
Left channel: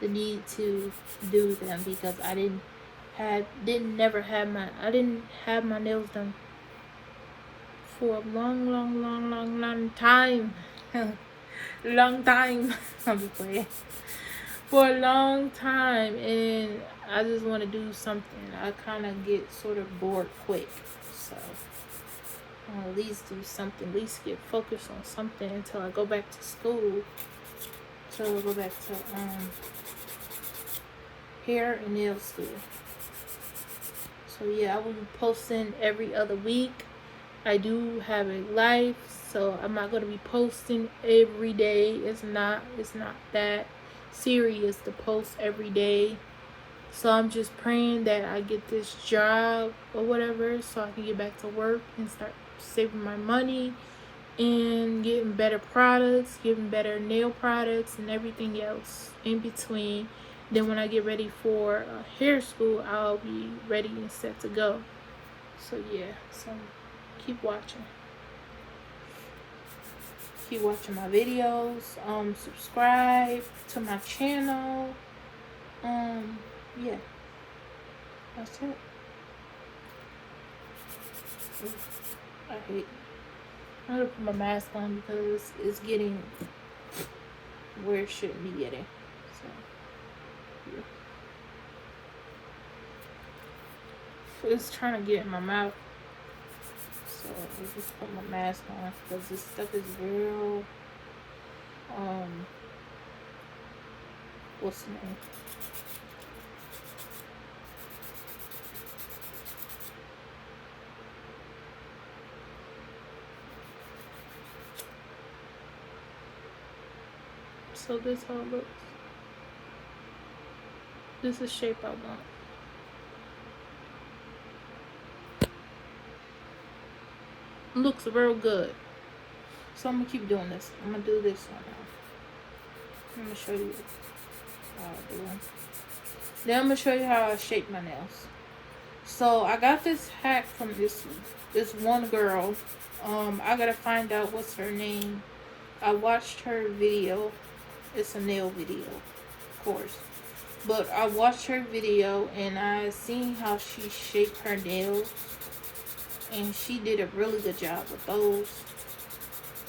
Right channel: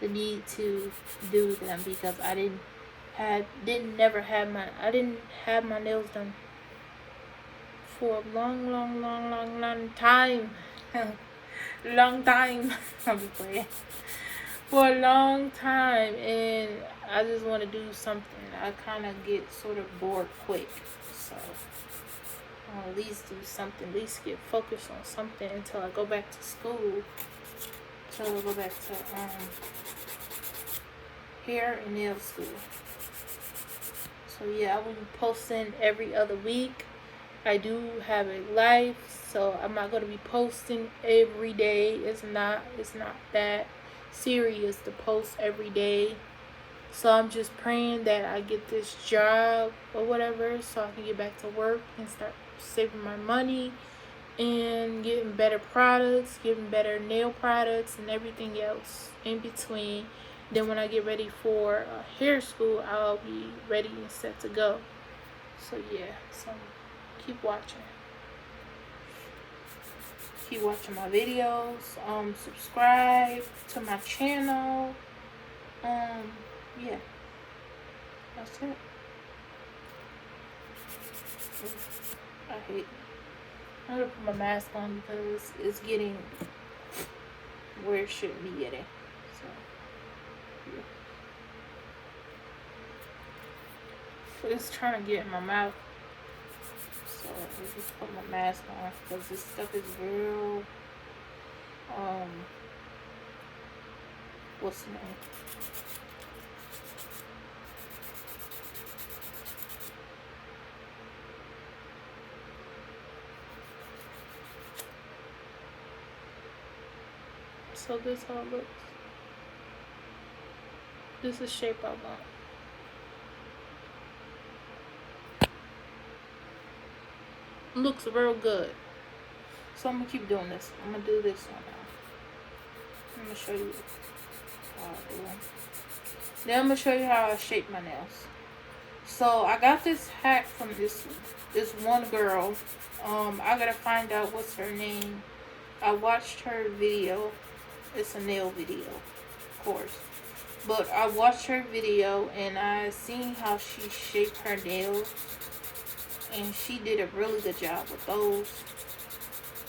the need to do them, because I didn't have my nails done for a long time. Long time. I'm just playing. For a long time, and I just want to do something. I kind of get sort of bored quick, so I'll at least do something, at least get focused on something until I go back to school, until I go back to hair and nail school. So yeah, I will be posting every other week. I do have a life, so I'm not going to be posting every day. It's not that serious to post every day. So I'm just praying that I get this job or whatever, so I can get back to work and start saving my money and getting better products, getting better nail products and everything else in between. Then when I get ready for hair school, I'll be ready and set to go. So yeah, so keep watching. Keep watching my videos. Subscribe to my channel. Yeah, that's it. I'm gonna put my mask on because it's getting where it shouldn't be getting. So, yeah. It's trying to get in my mouth. So I just put my mask on because this stuff is real. What's the name? So this how it looks. This is shape I want. Looks real good. So I'm gonna keep doing this. I'm gonna do this one. I'm gonna show you how I do. Then I'm gonna show you how I shape my nails. So I got this hack from this one girl. I gotta find out what's her name. I watched her video. It's a nail video, of course. But I watched her video and I seen how she shaped her nails. And she did a really good job with those.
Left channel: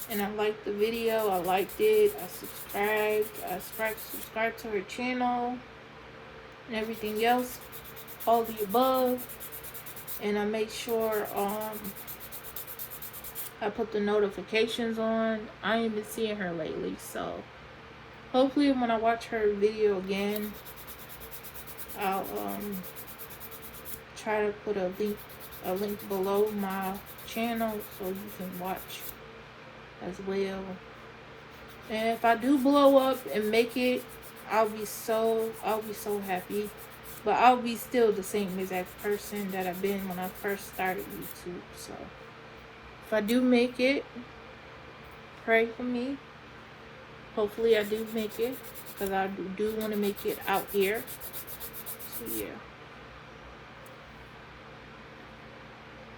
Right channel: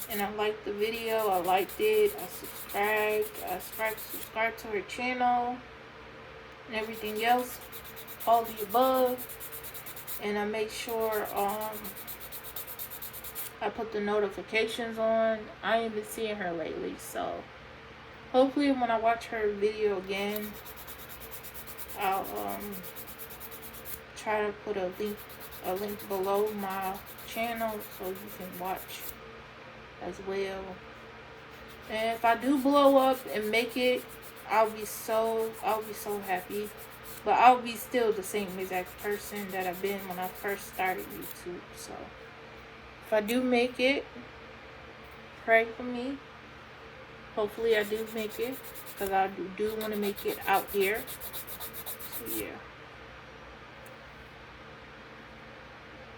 And I liked the video. I liked it. I subscribed to her channel and everything else. All the above. And I make sure I put the notifications on. I ain't been seeing her lately, so hopefully when I watch her video again, I'll try to put a link below my channel so you can watch as well. And if I do blow up and make it, I'll be so happy. But I'll be still the same exact person that I've been when I first started YouTube. So if I do make it, pray for me. Hopefully I do make it, because I do want to make it out here. So yeah.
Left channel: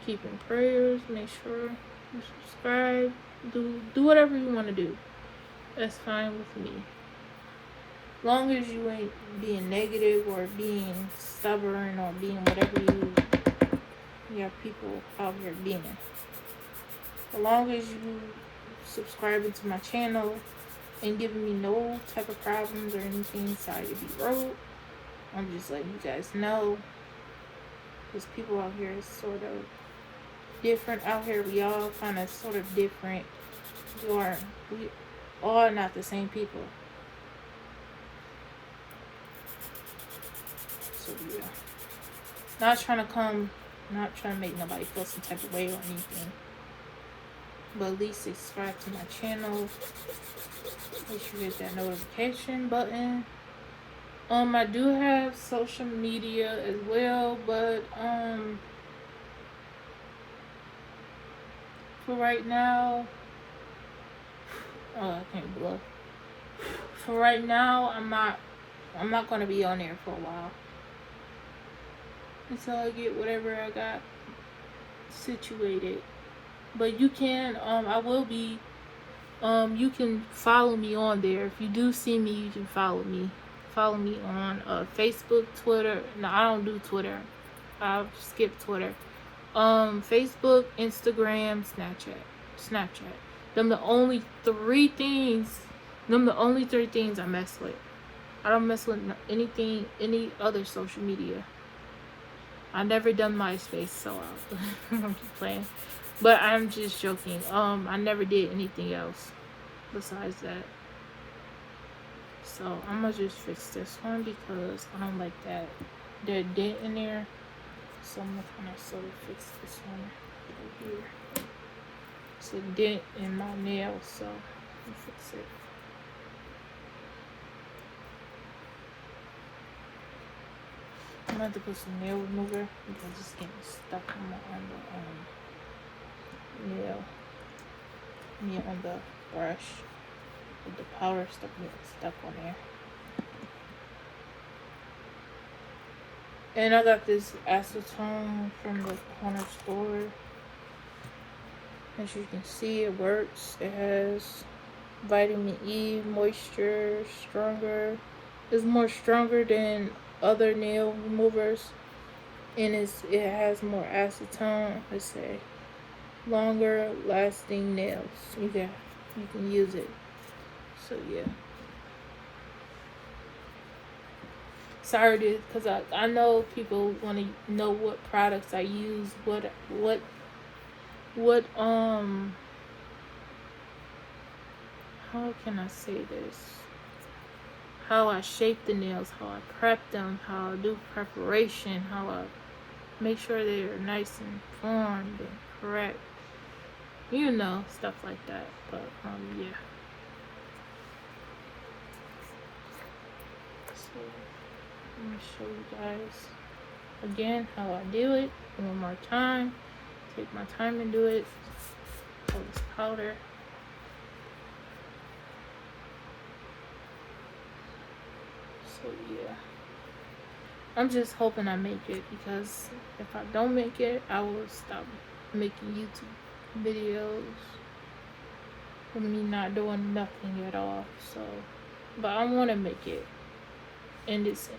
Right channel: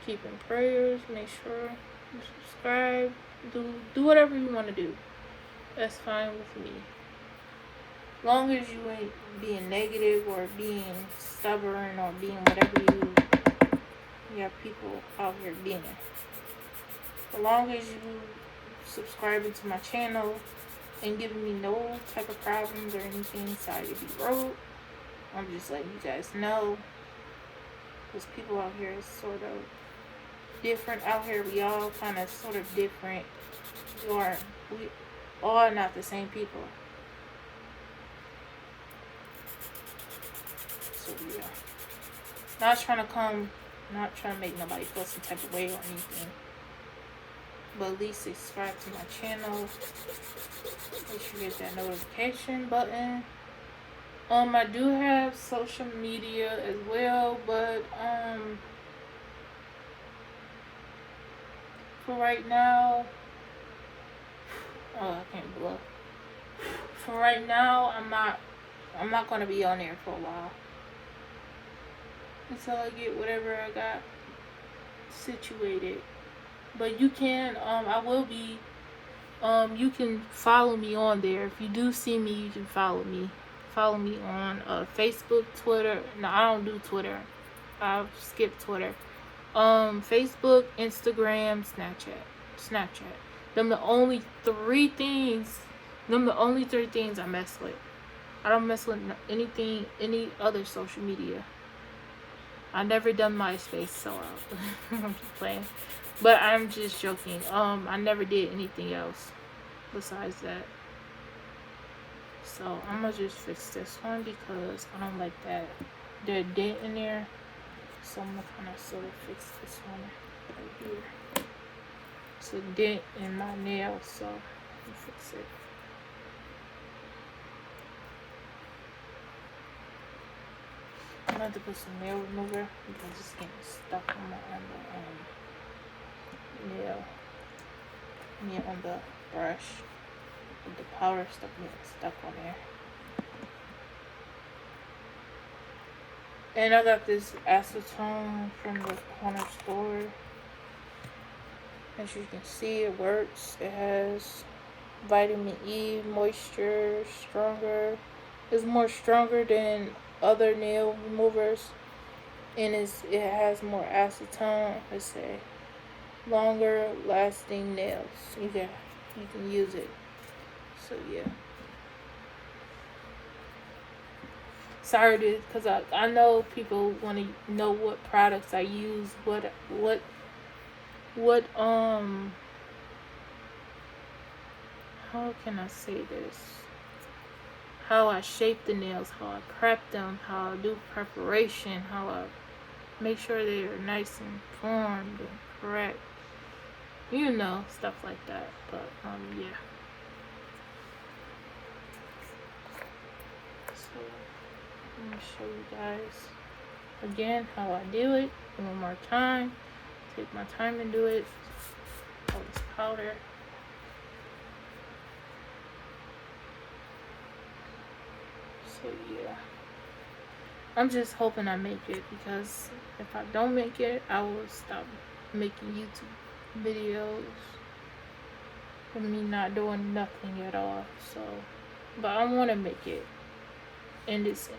Keep in prayers. Make sure you subscribe. Do whatever you want to do. That's fine with me. Long as you ain't being negative or being stubborn or being whatever you have people out here being. As long as you subscribing to my channel and giving me no type of problems or anything, sorry to be rude. I'm just letting you guys know. Because people out here is sort of different out here. We all kind of sort of different. We all not the same people. So yeah. Not trying to make nobody feel some type of way or anything. But at least subscribe to my channel. Make sure you hit that notification button. I do have social media as well, but for right now, oh, I can't blow. For right now, I'm not gonna be on there for a while until I get whatever I got situated. But you can, I will be, you can follow me on there. If you do see me, you can follow me. Follow me on Facebook, Twitter. No, I don't do Twitter. I'll skip Twitter. Facebook, Instagram, Snapchat. Them the only three things I mess with. I don't mess with any other social media. I never done MySpace, so I'm just playing. But I'm just joking. I never did anything else besides that. So I'm gonna just fix this one because I don't like that dent in there. So I'm gonna kind of sort of fix this one right here. It's a dent in my nail, so I'm gonna fix it. I'm gonna have to put some nail remover because it's getting stuck on the on the brush. With the powder stuff getting stuck on there. And I got this acetone from the corner store. As you can see, it works. It has vitamin E, moisture, stronger. It's more stronger than other nail removers. And it has more acetone. It's a longer lasting nails. You can use it. So yeah. Sorry, because I know people want to know what products I use, how can I say this? How I shape the nails, how I prep them, how I do preparation, how I make sure they're nice and formed and correct. You know, stuff like that. But yeah. So let me show you guys again how I do it one more time. Take my time and do it. All this powder. So yeah, I'm just hoping I make it, because if I don't make it, I will stop making YouTube videos with me not doing nothing at all. So, but I want to make it in this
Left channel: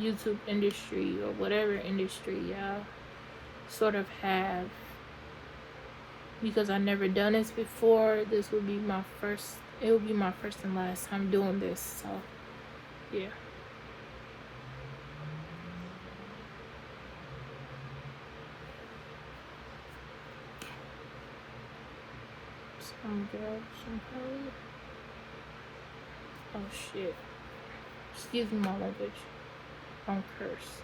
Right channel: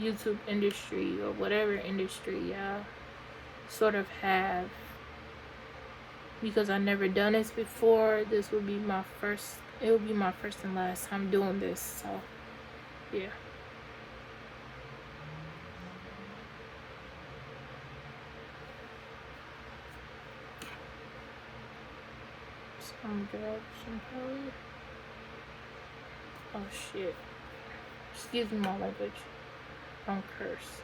YouTube industry or whatever industry I sort of have, because I've never done this before. This will be my first. It will be my first and last time doing this. So yeah. So I'm gonna grab some powder. Oh shit. Excuse my language. Don't curse.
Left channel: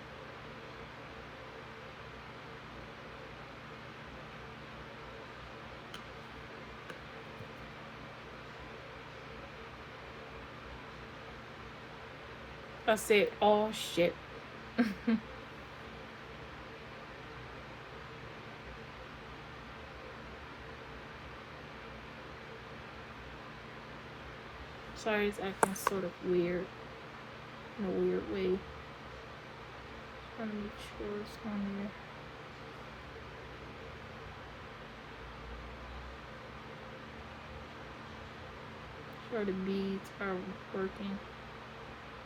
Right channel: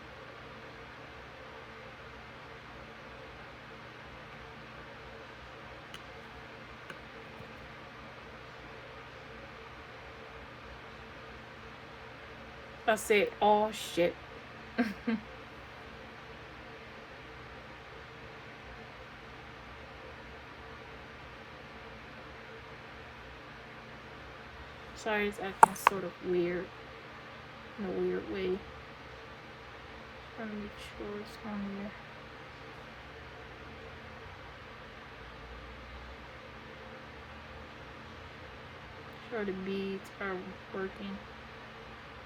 I said, oh shit. Sorry, it's acting sort of weird. In a weird way. Trying to make sure it's on there. Sure the beads are working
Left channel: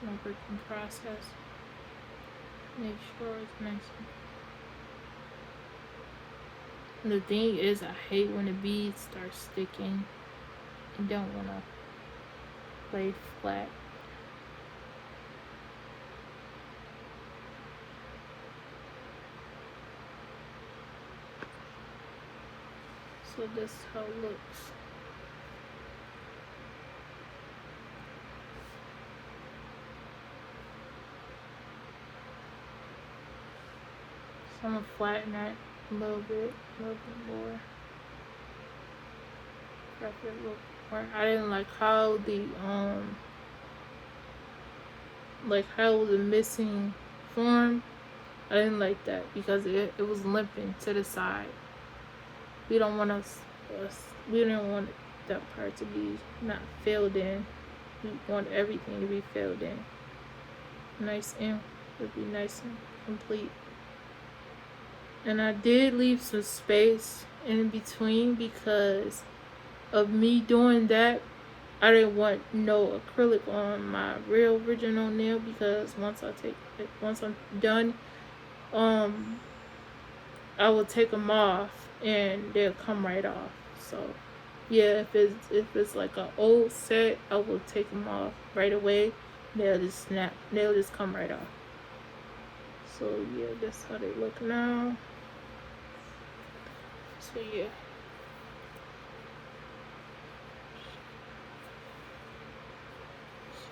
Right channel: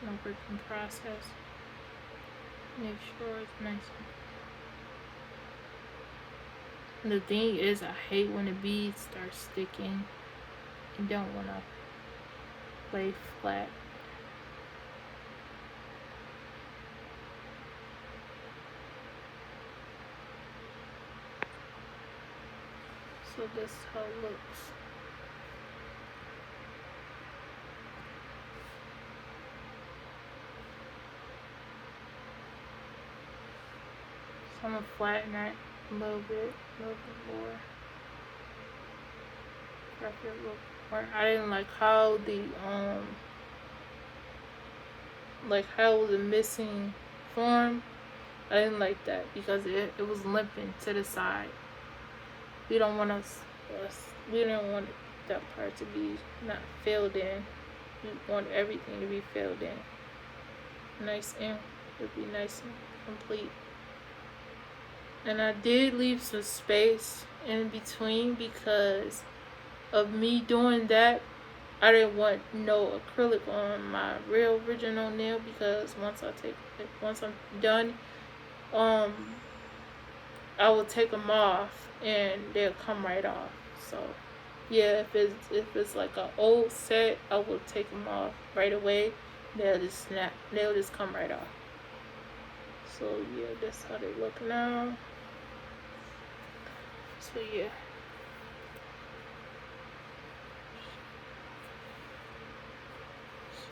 in the working process. Make sure it's nice. The thing is, I hate when the beads start sticking and don't want to lay flat. So this is how it looks. So I'm gonna flatten it a little bit more. I didn't like how how it was a missing form. I didn't like that because it was limping to the side. We don't want that part to be not filled in. We want everything to be filled in. Nice and would be nice and complete. And I did leave some space in between because of me doing that. I didn't want no acrylic on my real original nail because once I'm done, I will take them off and they'll come right off. So yeah, if it's like an old set, I will take them off right away. They'll just come right off. So yeah, that's how they look now. So yeah.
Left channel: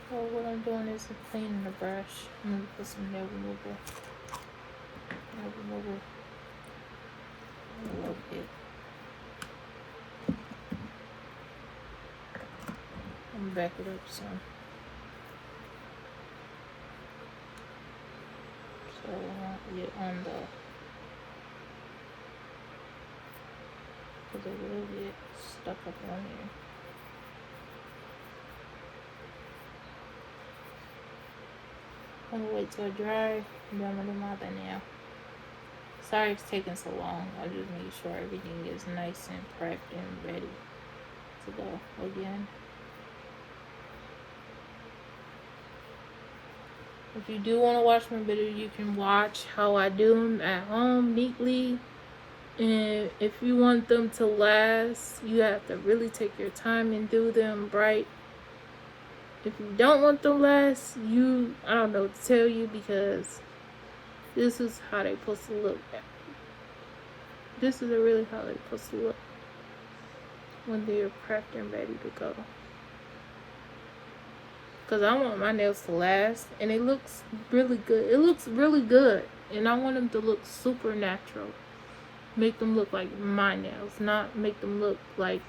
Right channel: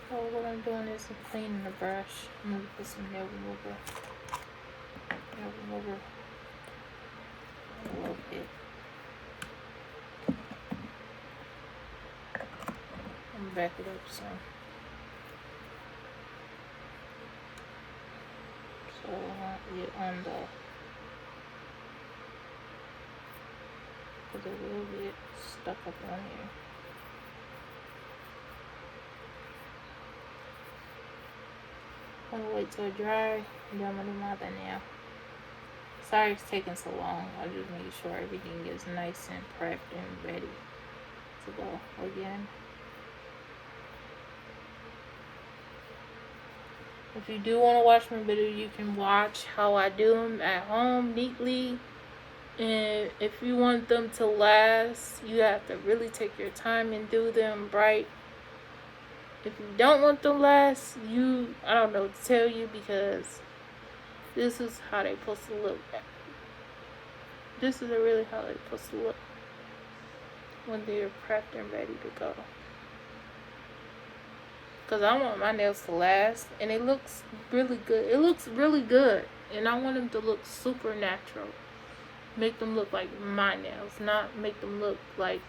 So what I'm doing is I'm cleaning the brush. I'm gonna put some nail remover. A little bit. And back it up some. So I get on there's a little bit stuck up on here. I'm gonna wait till it dry and then I'm gonna do my other nail. Sorry it's taking so long. I just need sure everything is nice and prepped and ready to go again. If you do want to watch my video, you can watch how I do them at home neatly. And if you want them to last, you have to really take your time and do them right. If you don't want them to last, I don't know what to tell you because this is how they're supposed to look. This is really how they're supposed to look when they're prepped and ready to go. Because I want my nails to last, and it looks really good. It looks really good, and I want them to look super natural. Make them look like my nails, not make them look like,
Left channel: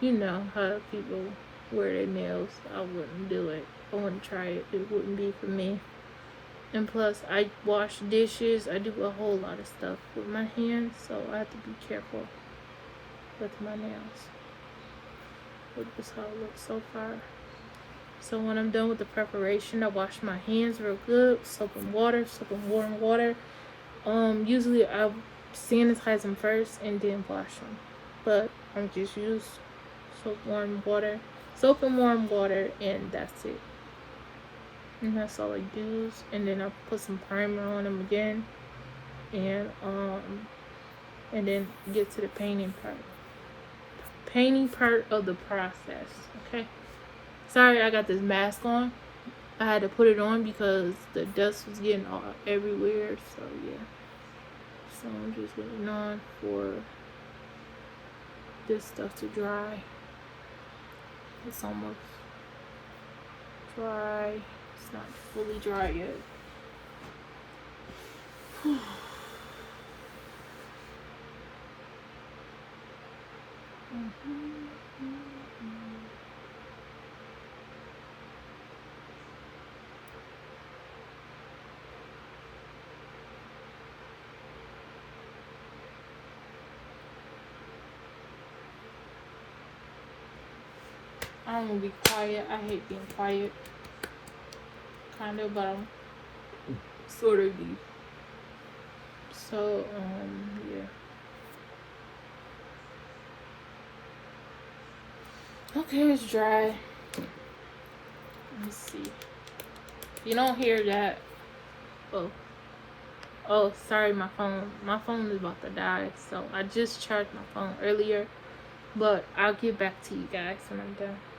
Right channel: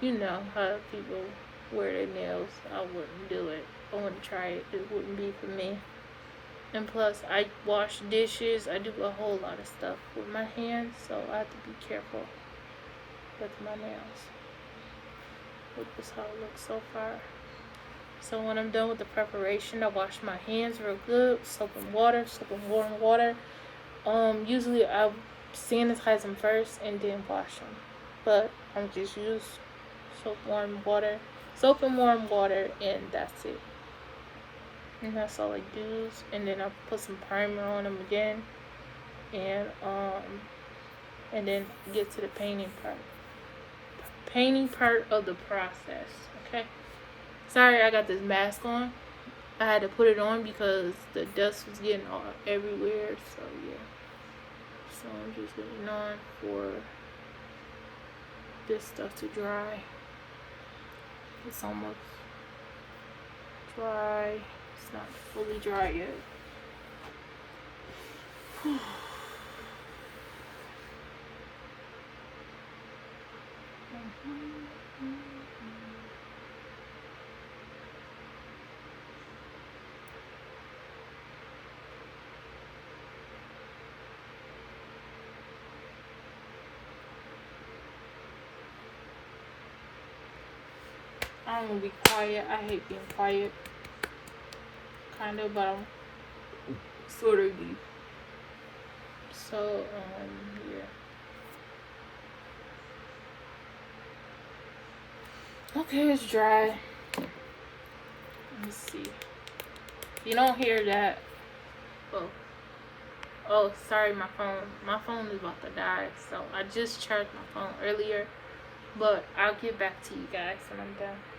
how people wear their nails. I wouldn't do it. I wouldn't try it. It wouldn't be for me. And plus, I wash dishes. I do a whole lot of stuff with my hands, so I have to be careful with my nails. This is how it looks so far. So when I'm done with the preparation, I wash my hands real good, soap and warm water. Usually I'll sanitize them first and then wash them. But I'm just use soap and warm water, and that's it. And that's all I do. And then I put some primer on them again, and then get to the painting part of the process. Okay. Sorry, I got this mask on. I had to put it on because the dust was getting all everywhere. So yeah. So I'm just waiting on for this stuff to dry. It's almost dry. It's not fully dry yet. I'm gonna be quiet. I hate being quiet. Kind of, but I'm sort of deep. So, yeah. Okay, it's dry. Let's see. If you don't hear that, oh, sorry, my phone is about to die. So I just charged my phone earlier, but I'll get back to you guys when I'm done.